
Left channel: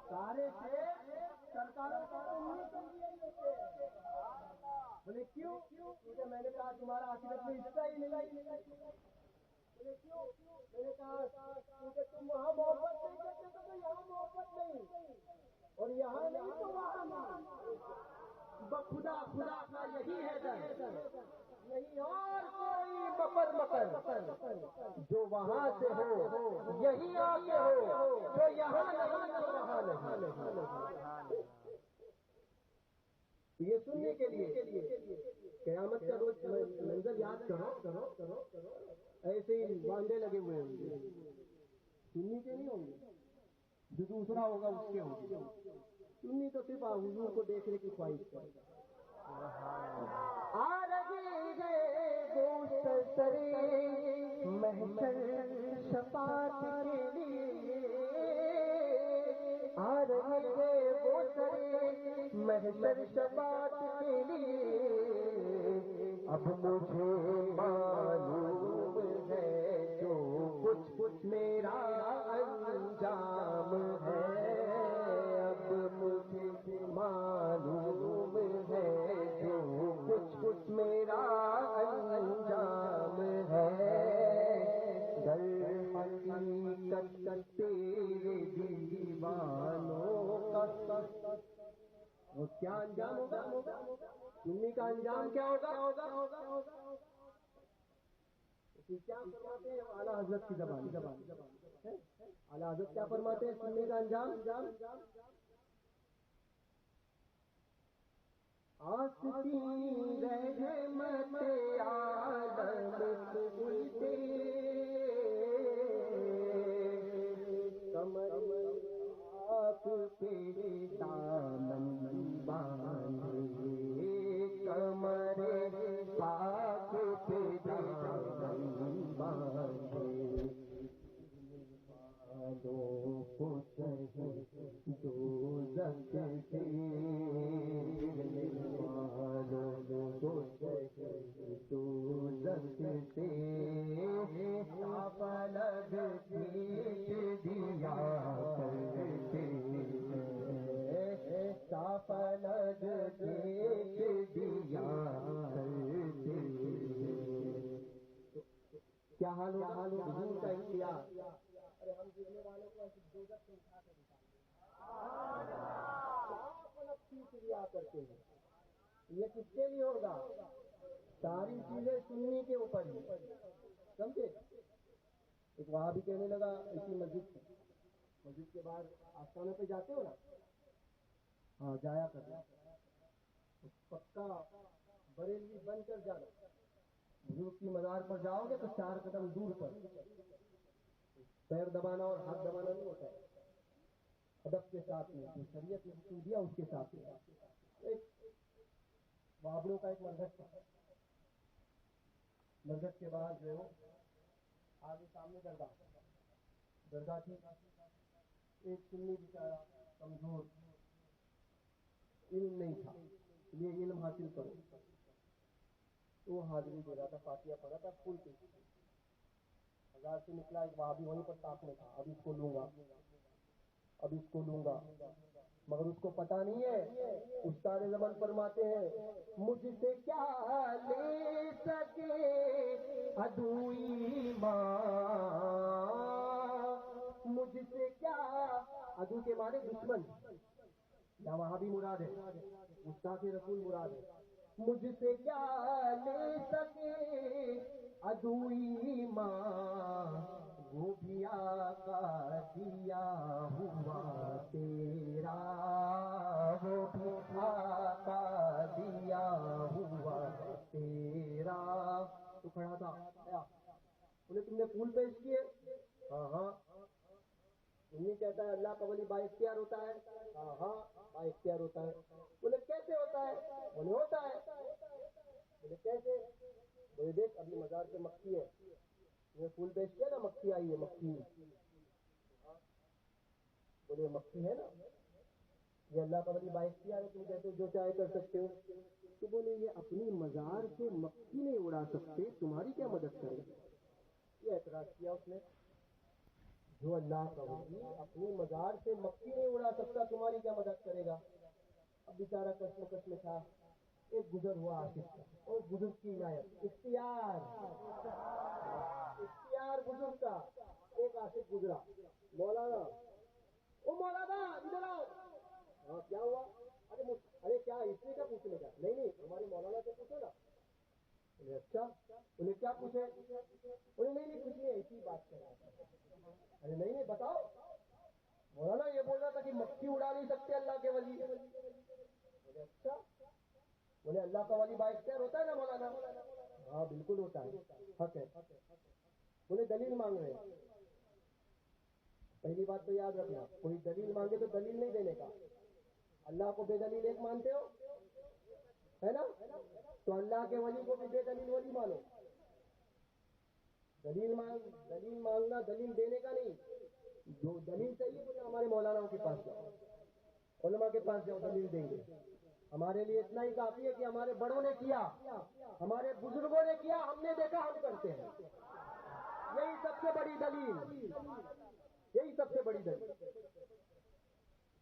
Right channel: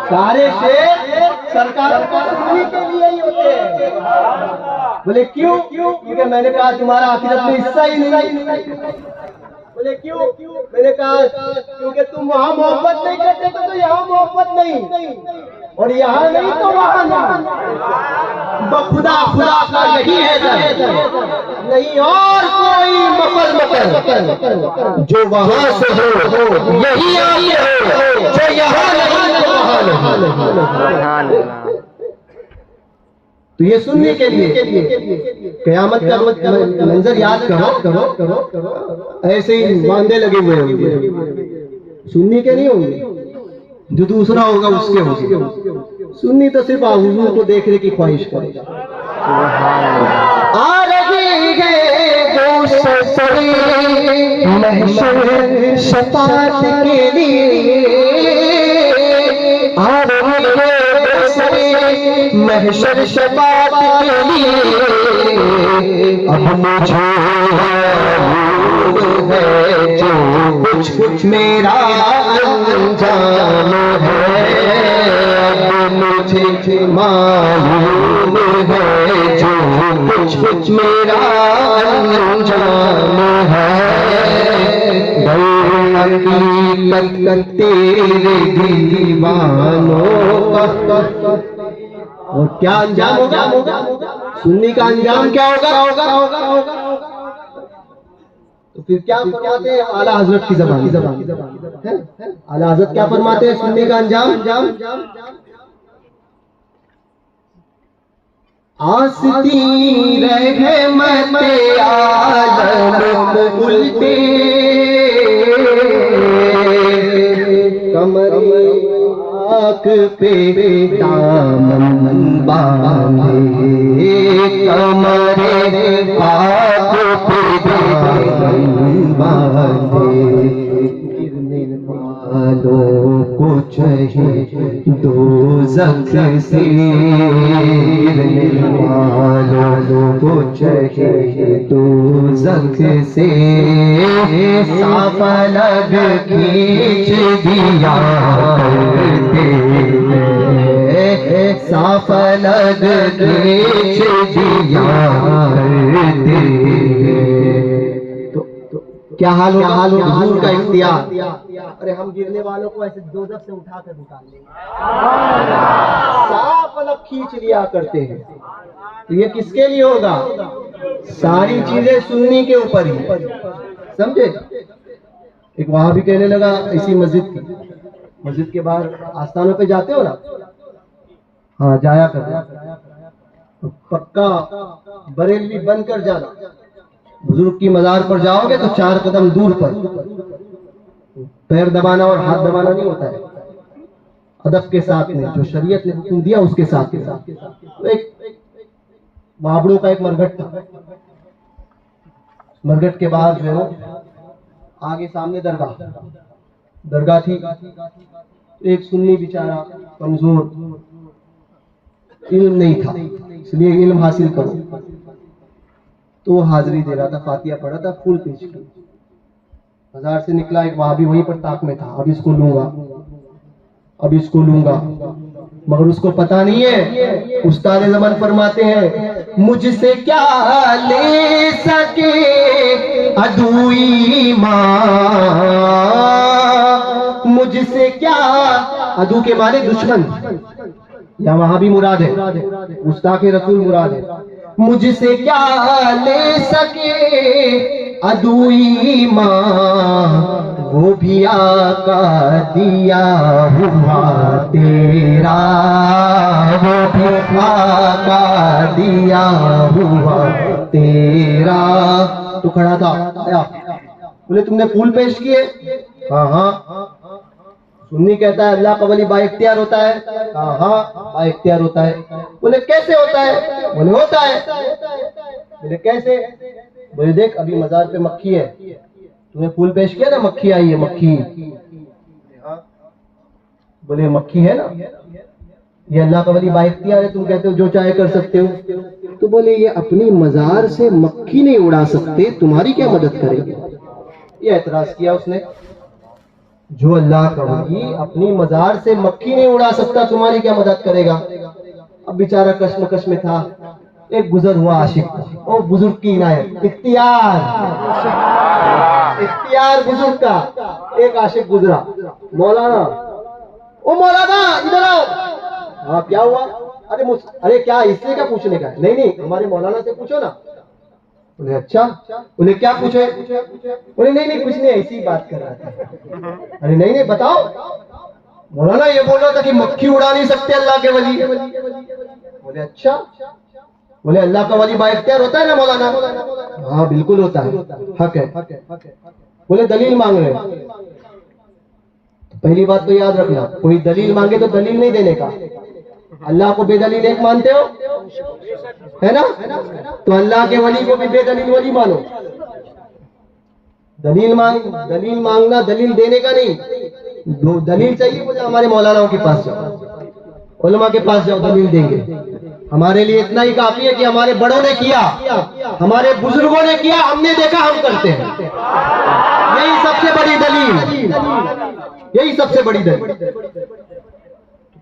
سارے شعر سرکار کو سننے کے لیے ہی ہوتے ہیں. بولے کیوں؟ کیونکہ میں نے کہا تمہارا آخرت میں حصہ ہی نہیں. بولے کیوں؟ میں نے کہا کیونکہ تم وہاں محبت نہیں کرتے تو یہاں محبت نہیں، اور یہاں نہیں تو وہاں نہیں. خدا خدا کا یہی ہے نہیں اور کوئی مقل جو وہاں سے ہو یہی آئے ہو، جو یہاں نہیں تو وہاں نہیں. تو یہ سننے کے لیے قیامت کا منظر یاد کرو، ایسے ہی باندھے لگے ہوئے ہوں گے، سننے کے نہیں ہوں گے، جو دوسرا ہوگا اس کے ہوگا. سنی تو صرف حضور کو دیکھنے کی خواہش کرے گا. آ رہی ہے دوست محشر شفاعت کے لیے، آ رہی ہے محشر شفاعت کے لیے، اب مجھے معلوم ہے جو کچھ میرا انجام ہے، اب مجھے معلوم ہے جو کچھ میرا انجام ہے، در حقیقت تیرے دیوانوں کا. اور کیا انجام ہوگا؟ سنی کا انجام کیا ہوگا؟ تو پھر کیا فرماتے ہیں اعلیٰ حضرت کی زبان؟ اعلیٰ حضرت کیا فرماتے ہیں سنی کا انجام؟ آستی رحمت عالم الٹے کمر آنکھ پہ دامن باندھے، کمر آنکھ پہ دامن باندھے، گرنے والوں کو چاہے دوزخ سے، گرنے والوں کو چاہے دوزخ سے، صاف الگ کھینچ دیا کرتے ہیں، صاف الگ کھینچ دیا کرتے ہیں. تو کیا حال ہوگا حضور کا اختیار؟ ارے ہم گرنے والوں کو ایسے دوزخ سے اٹھا کر نکال لیں گے، صاف الگ کھینچ لیا کرتے ہیں. تو یہ کس کے لیے ہوگا؟ ساری چیزیں سننے کے اوپر ہی، سمجھے؟ ایک وہاں بھی کہنے لگا اسی مسجد کے باہر آستانوں پہ جاتے ہو نا، ہاں جایا کر، پکا بریلوی بن کر جانا، بزرگ کی مزار پر جاؤ گے تو 4 قدم دور پر پیر دبانا اور ہاتھ دبانا نہیں ہوتا ہے، ادب کے ساتھ میں جو شریعت نے حکم دیا اس کے ساتھ میں۔ ایک بابڑوں کا ایک مرگٹ تھا، مرگٹ کے بعد جو ہے آگے سامنے درگاہ تھی، ایک سنی بیچارہ کمزور، علم نہیں تھا، اس لیے علم حاصل کرو، تو وہ حاضری دے رہا تھا، فاتحہ پڑھا تھا، پھول پیش کی، بازار سے نکلا ایک وہابی وہیں پر طاق میں تھا، اب اس کو لوں گا، مگر اس کو پتا نہیں ہے، استاد زمان فرماتے ہیں مجھ سے کیا لے سکے عدوئی ماں، مجھ سے کیا، عدو کے معنی دشمن، یا وہاں بھی مراد ہے، گستاخ رسول مراد ہے، مجھ سے کیا لے سکے عدوئی ماں، وہ بھی آقا دیا ہوا تیرا، وہ بھی آقا دیا ہوا تیرا۔ تو کھڑا تھا، آیا، بولے تم نے پھول پیش کیے؟ ہاں۔ سنی کہتا ہے اللہ کا ولی با اختیار ہوتا ہے؟ ہاں با اختیار ہوتا ہے۔ بولے کیسے ہوتا ہے؟ بولے ہوتا ہے۔ بولے کیسے؟ بولے دیکھ ابھی مزار پہ مکھی ہے، تم نے پھول پیش کیا نا، مکھی آئی ہے، مکھی۔ بولے مکھی ہے نا، یہ اللہ کا ولی با اختیار ہے، تم کہتے ہو جو چاہے کر سکتے ہو۔ تو بولے یہ اپنی مزار سے مکھی نہیں اڑا سکتے، تمہاری کیا مدد کریں گے؟ یہ اعتراض کیا اس نے، جو اللہ کا ولی اپنی مزار سے مکھی نہیں اڑا سکتا، تمہاری کیا مدد کرے گا؟ اب بیچارہ کشمکش میں تھا، ایک گزر ہوا عاشق تھا، او بزرگ کی عنایت، اختیار بزرگ کا، ایک عاشق گزرا، مولانا، او مولانا ادھر آؤ۔ ہاں کیا ہوا؟ ارے کیا اس سے کیا پوچھنے کا ہے؟ نہیں ہمارے مولانا سے پوچھو نا۔ بولے اچھا، بولے کیا پوچھے؟ بولے نہیں کچھ نہیں، ایسی بات کر رہا تھا۔ ارے نہیں بتاؤ۔ مولانا یہ بول رہا تھا کہ مکھی اڑا نہیں سکتے اللہ کے ولی۔ بولے اچھا، بولے اللہ کا ولی با اختیار ہوتا ہے نا مولانا؟ ہاں بالکل ہوتا ہے، حق ہے۔ بولے دلیل مانگ رہے، پہلی بات تو یاد رکھنا، کوئی دلیل مانگے تو دلیل نہیں دینے کا۔ اللہ کو بے دلیل ایک مانتے ہو، ہے نا؟ تو اللہ کے ولی کو بھی بے دلیل ولی مانو۔ دلیل مانگنا دلیل دینے کا نہیں، دلیل چاہیے مجھے ہمارے مولاناؤں کے پاس جاؤ، علماء کے پاس جاؤ، دلیل دیں گے۔ ہمارے لیے اتنا ہی کافی ہے کہ ہمارے بڑوں نے کیا، ہمارے بزرگوں نے کیا، ہم نے دیکھا، ہم کرتے ہیں، یہی سب سے بڑی دلیل، یہی سب سے بڑی دلیل۔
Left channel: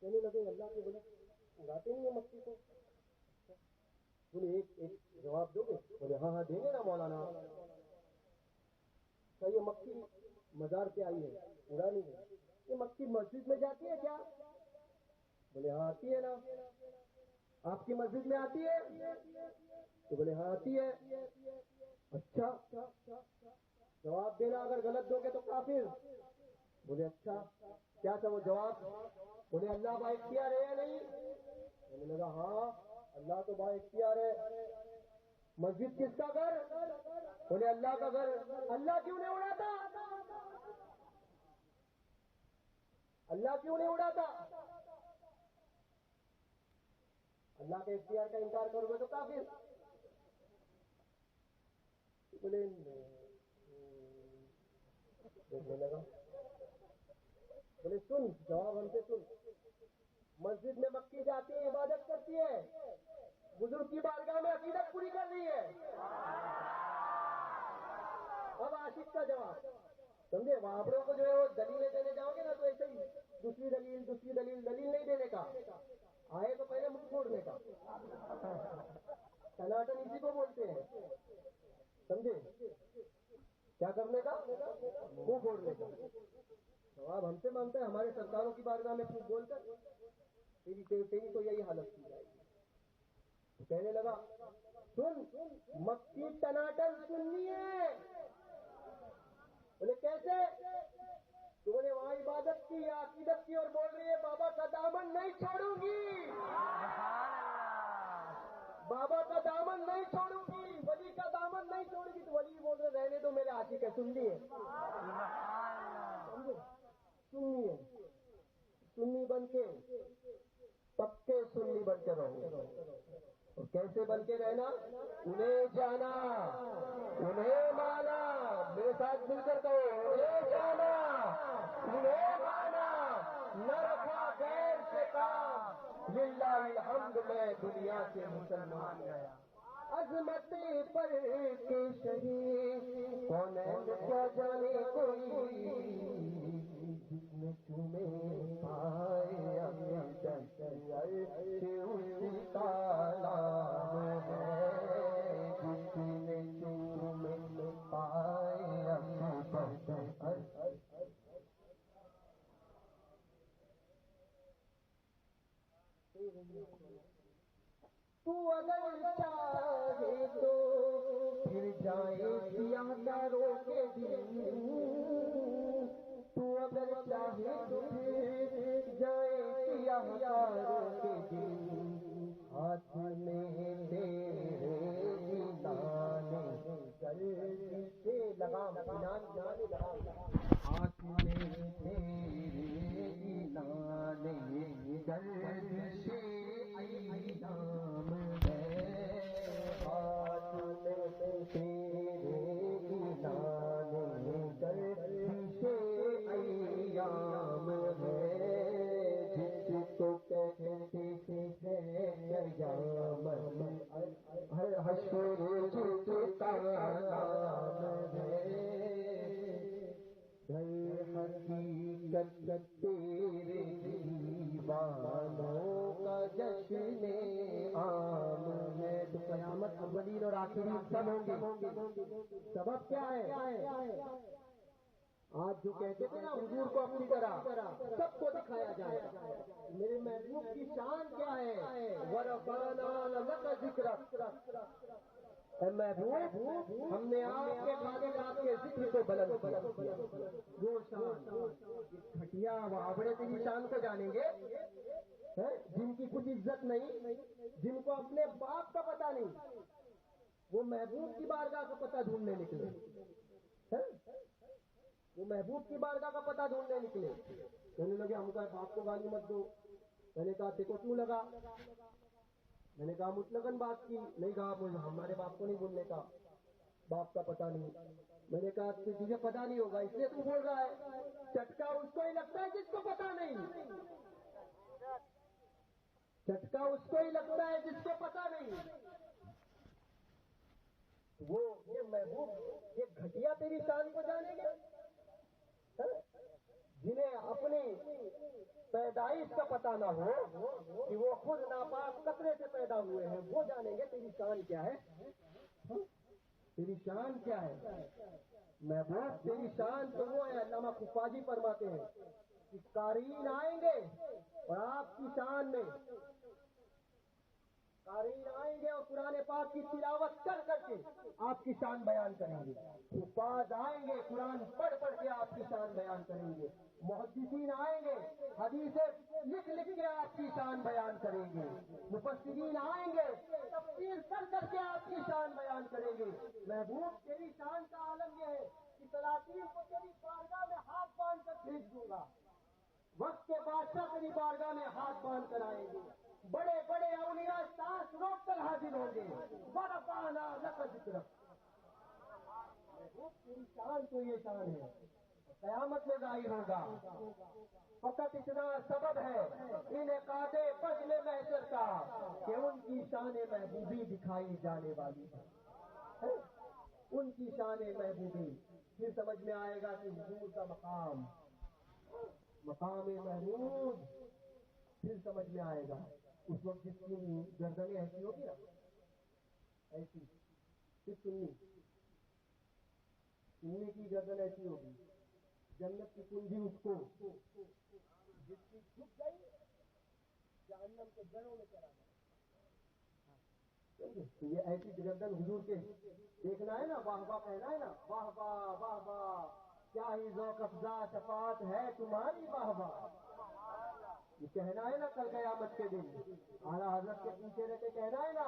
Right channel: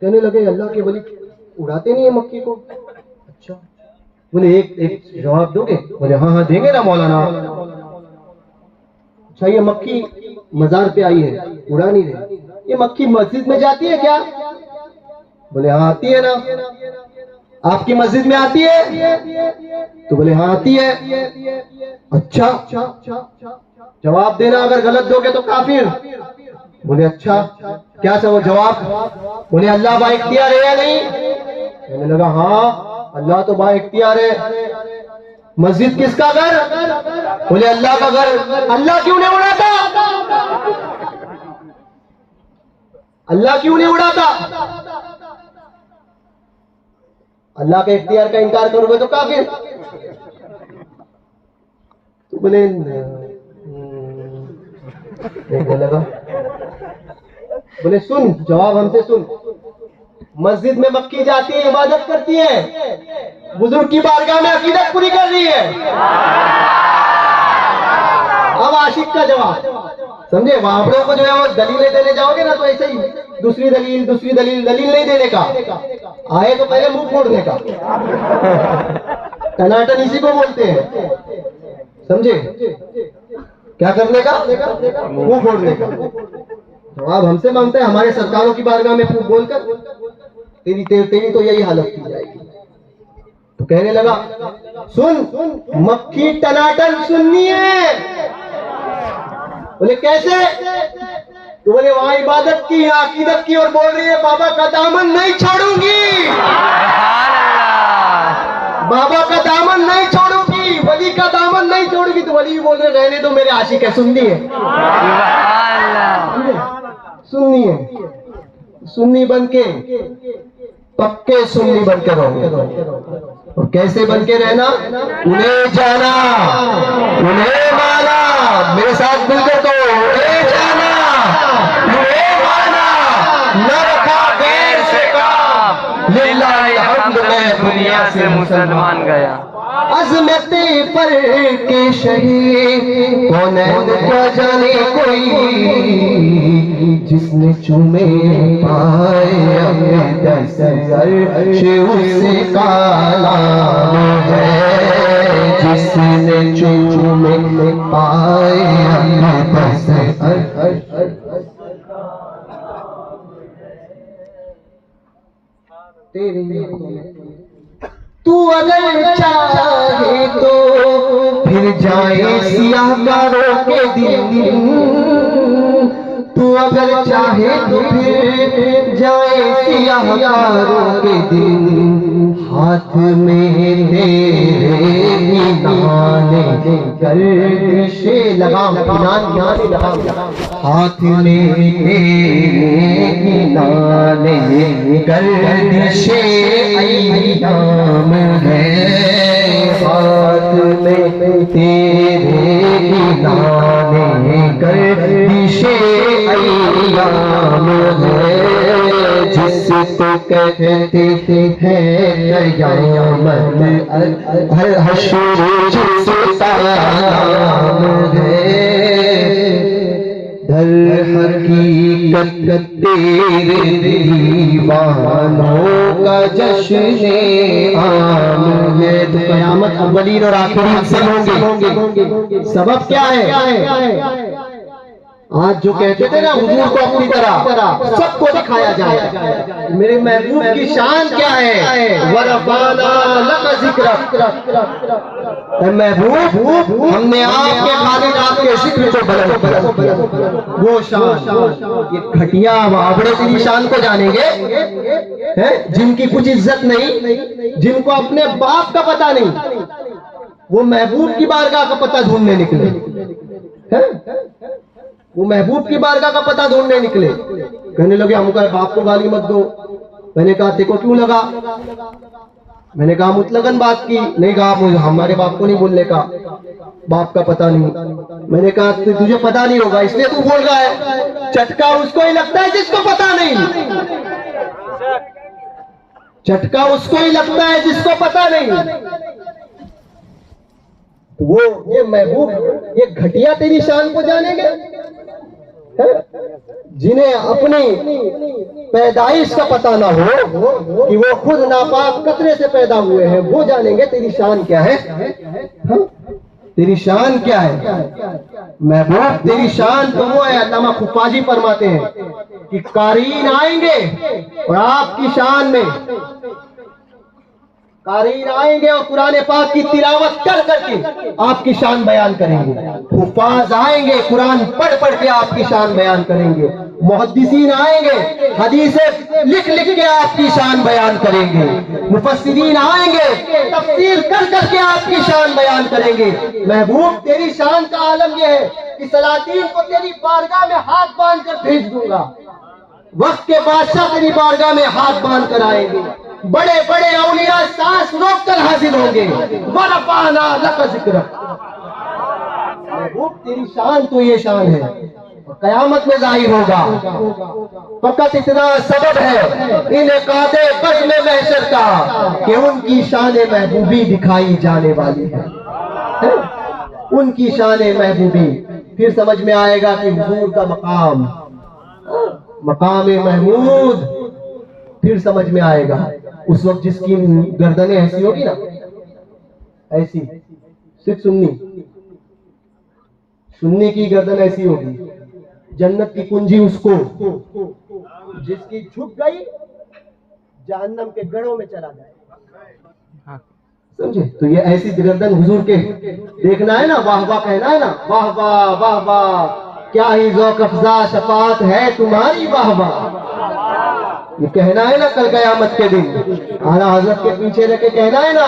کہنے لگے اللہ کے ولی اڑاتے نہیں ہیں مکھی کو؟ اچھا، بولے ایک جواب دو گے؟ بولے ہاں دیں گے نا مولانا۔ اچھا یہ مکھی مزار پہ آئی ہے، اڑا نہیں رہی، یہ مکھی مسجد میں جاتی ہے کیا؟ بولے ہاں آتی ہے نا۔ آپ کی مسجد میں آتی ہے؟ تو بولے ہاں آتی ہے۔ اچھا، جواب دینا، اگر غلط دو گے تو کافر۔ بولے اچھا کیا جواب؟ بولے اللہ با اختیار ہے یا نہیں؟ کہنے لگا ہاں اللہ تو با اختیار ہے۔ مسجد کس کا گھر؟ بولے اللہ کا گھر۔ اللہ کیوں نہیں اڑاتا؟ اللہ کیوں نہیں اڑاتا؟ اللہ کے اختیار کا انکار کرو گے تو کافر۔ تو بولے دیکھنے لگا، بولے سن، جواب ہم سے سن، مسجد میں مکھی جاتی ہے، عبادت کرتی ہے، بزرگ کی بارگاہ میں عقیدت پوری کر رہی ہے۔ اب عاشق کا جواب سمجھے، وہاں کو جو ہے وہ دلیلیں دینے جاؤ گے نا تو ایسے ہی دوسری دلیل نہیں دینے کا، آئے تو پہلے منہ پھوڑنے کا، ٹناٹن اسی کو بولتے ہیں، سمجھے؟ کیا کرنے کا؟ منہ پھوڑنے کا۔ جواب ہم سے مانگتا ہے، ہمارے سرکاروں کی بارگاہ میں پھوٹ بول کر تیری تو یہی حالت کی جائے گی۔ تو کہنے لگا سن، مکھی ٹناٹن سننی ہے۔ بولے کیسے؟ تو بولے وہاں عبادت کی، عقیدت کی، اور بول رہی ہے بابا کا دامن نہیں چھوڑوں گی۔ بابا کا دامن نہیں چھوڑوں گی، ولی کا دامن نہیں چھوڑوں گی، تو ولی بھی بول رہے رہنے دو میرے عاشق ہے، سننی ہے، سننی ہے، سنی بن کے پکے سنی بن کے رہو، اور کیسے بن کے رہنا؟ انہیں جانا، انہیں مانا، میرے ساتھ مل کر تو انہیں جانا، انہیں مانا، نہ رکھا غیر سے کام، للہ الحمد میں دنیا سے مسلمان گیا، عظمت پر کے شہید کونین کیا جانے کوئی، جس نے چومے پائے اقدس عرش اس کا نام ہے، جس نے چومے پائے اقدس عرش، تو اگر چاہے تو پھر جائے سیاہ کاروں کے دن، تو اگر چاہے تو پھر جائے سیاہ کاروں کے دن، ہاتھ میں تیرے انعام گردش لگام، ہاتھ میں تیرے انعام گردش ایام ہے، ہاتھ میں تیرے انعام گردش ایام ہے، جس کو کہتے ہیں قیامت، حشر جس کا نام ہے، در حقیقت تیرے دیوانوں کا جشن عام ہے، تو قیامت اولین اور آخرین سے ہوں گے، سبب کیا ہے؟ آج جو کہتے تھے نا حضور کو اپنی طرح سب کو دکھایا جائے، میرے محبوب کی شان کیا ہے؟ وَرَفَعْنَا لَكَ ذِكْرَكَ، اے محبوب ہم نے آپ کے خالق آپ کے ذکر کو بلند کیا، وہ شان، یہ گھٹیا بابڑے تیری شان کو جانیں گے جن کی کچھ عزت نہیں، جن کو اپنے باپ کا پتہ نہیں، وہ محبوب کی بارگاہ کا پتہ ڈھونڈنے نکلے، وہ محبوب کی بارگاہ کا پتہ ڈھونڈنے نکلے، کہنے لگے ہم کہا باپ کو گالی مت دو، میں نے کہا تیکو کیوں لگا؟ میں نے کہا مطلقاً بات کی، نہیں کہا مجھے ہمارے باپ کو نہیں بولنے کا، باپ کا پتہ نہیں، میں نے کہا تجھے پتہ نہیں ہوگا اس لیے تو بول رہا ہے، چٹکا اس کو ہی لگتا ہے جس کو پتہ نہیں، چٹکا اس کو ہی لگتا ہے جس کو پتہ نہیں، وہ یہ محبوب یہ گھٹیا تیری شان کو جانیں گے، جنہیں اپنی پیدائش کا پتہ نہ ہو کہ وہ خود ناپاک قطرے سے پیدا ہوئے ہیں، وہ جانیں گے تیری شان کیا ہے، تیری شان کیا ہے محبوب، تیری شان تو وہ ہے، علامہ خفاجی فرماتے ہیں کہ قارئین آئیں گے اور آپ کی شان میں قارئین آئیں گے اور قرآن پاک کی تلاوت کر کر کے آپ کی شان بیان کریں گے، حفاظ آئیں گے قرآن پڑھ پڑھ کے آپ کی شان بیان کریں گے، محدثین آئیں گے حدیثیں لکھ لکھ کے آپ کی شان بیان کریں گے، مفسرین آئیں گے تفسیر کر کر کے آپ کی شان بیان کریں گے۔ محبوب تیری شان کا عالم یہ ہے کہ سلاطین کو تیری بارگاہ میں ہاتھ باندھ کر بھیج دوں گا، وقت کے بادشاہ تیری بارگاہ میں ہاتھ باندھ کر آئیں گے، بڑے بڑے اولیاء سانس روک کر حاضر ہوں گے، وَرَفَعْنَا لَكَ ذِكْرَكَ، محبوب تیری شان تو یہ شان ہے، قیامت میں ظاہر ہوگا، فقط اتنا سبب ہے انعقاد بزم محشر کا کہ ان کی شان محبوبی دکھائی جانے والی ہے، ان کی شان محبوبی، پھر سمجھ میں آئے گا کہ حضور کا مقام محمود، پھر سمجھ میں آئے گا اس وقت جس کی گردنیں ایسی ہوگی نا، ایسی صرف سنی کی گردن ایسی ہوگی، جنت کی کنجی اس کو، جس کی جھک گئی جہنم کے گڑھوں میں چلا جائے، سمجھے؟ تو یہ ایسی گردن حضور کے دیکھنا ہے نا، واہ واہ کہنا ہے نا، واہ واہ واہ واہ کیا ہی ذوق افزا شفاعت ہے تمہاری، واہ واہ یہ کہنا ہے نا کل قیامت کے دن، اعلیٰ حضرت کے پیچھے رہ کے کہنا ہے نا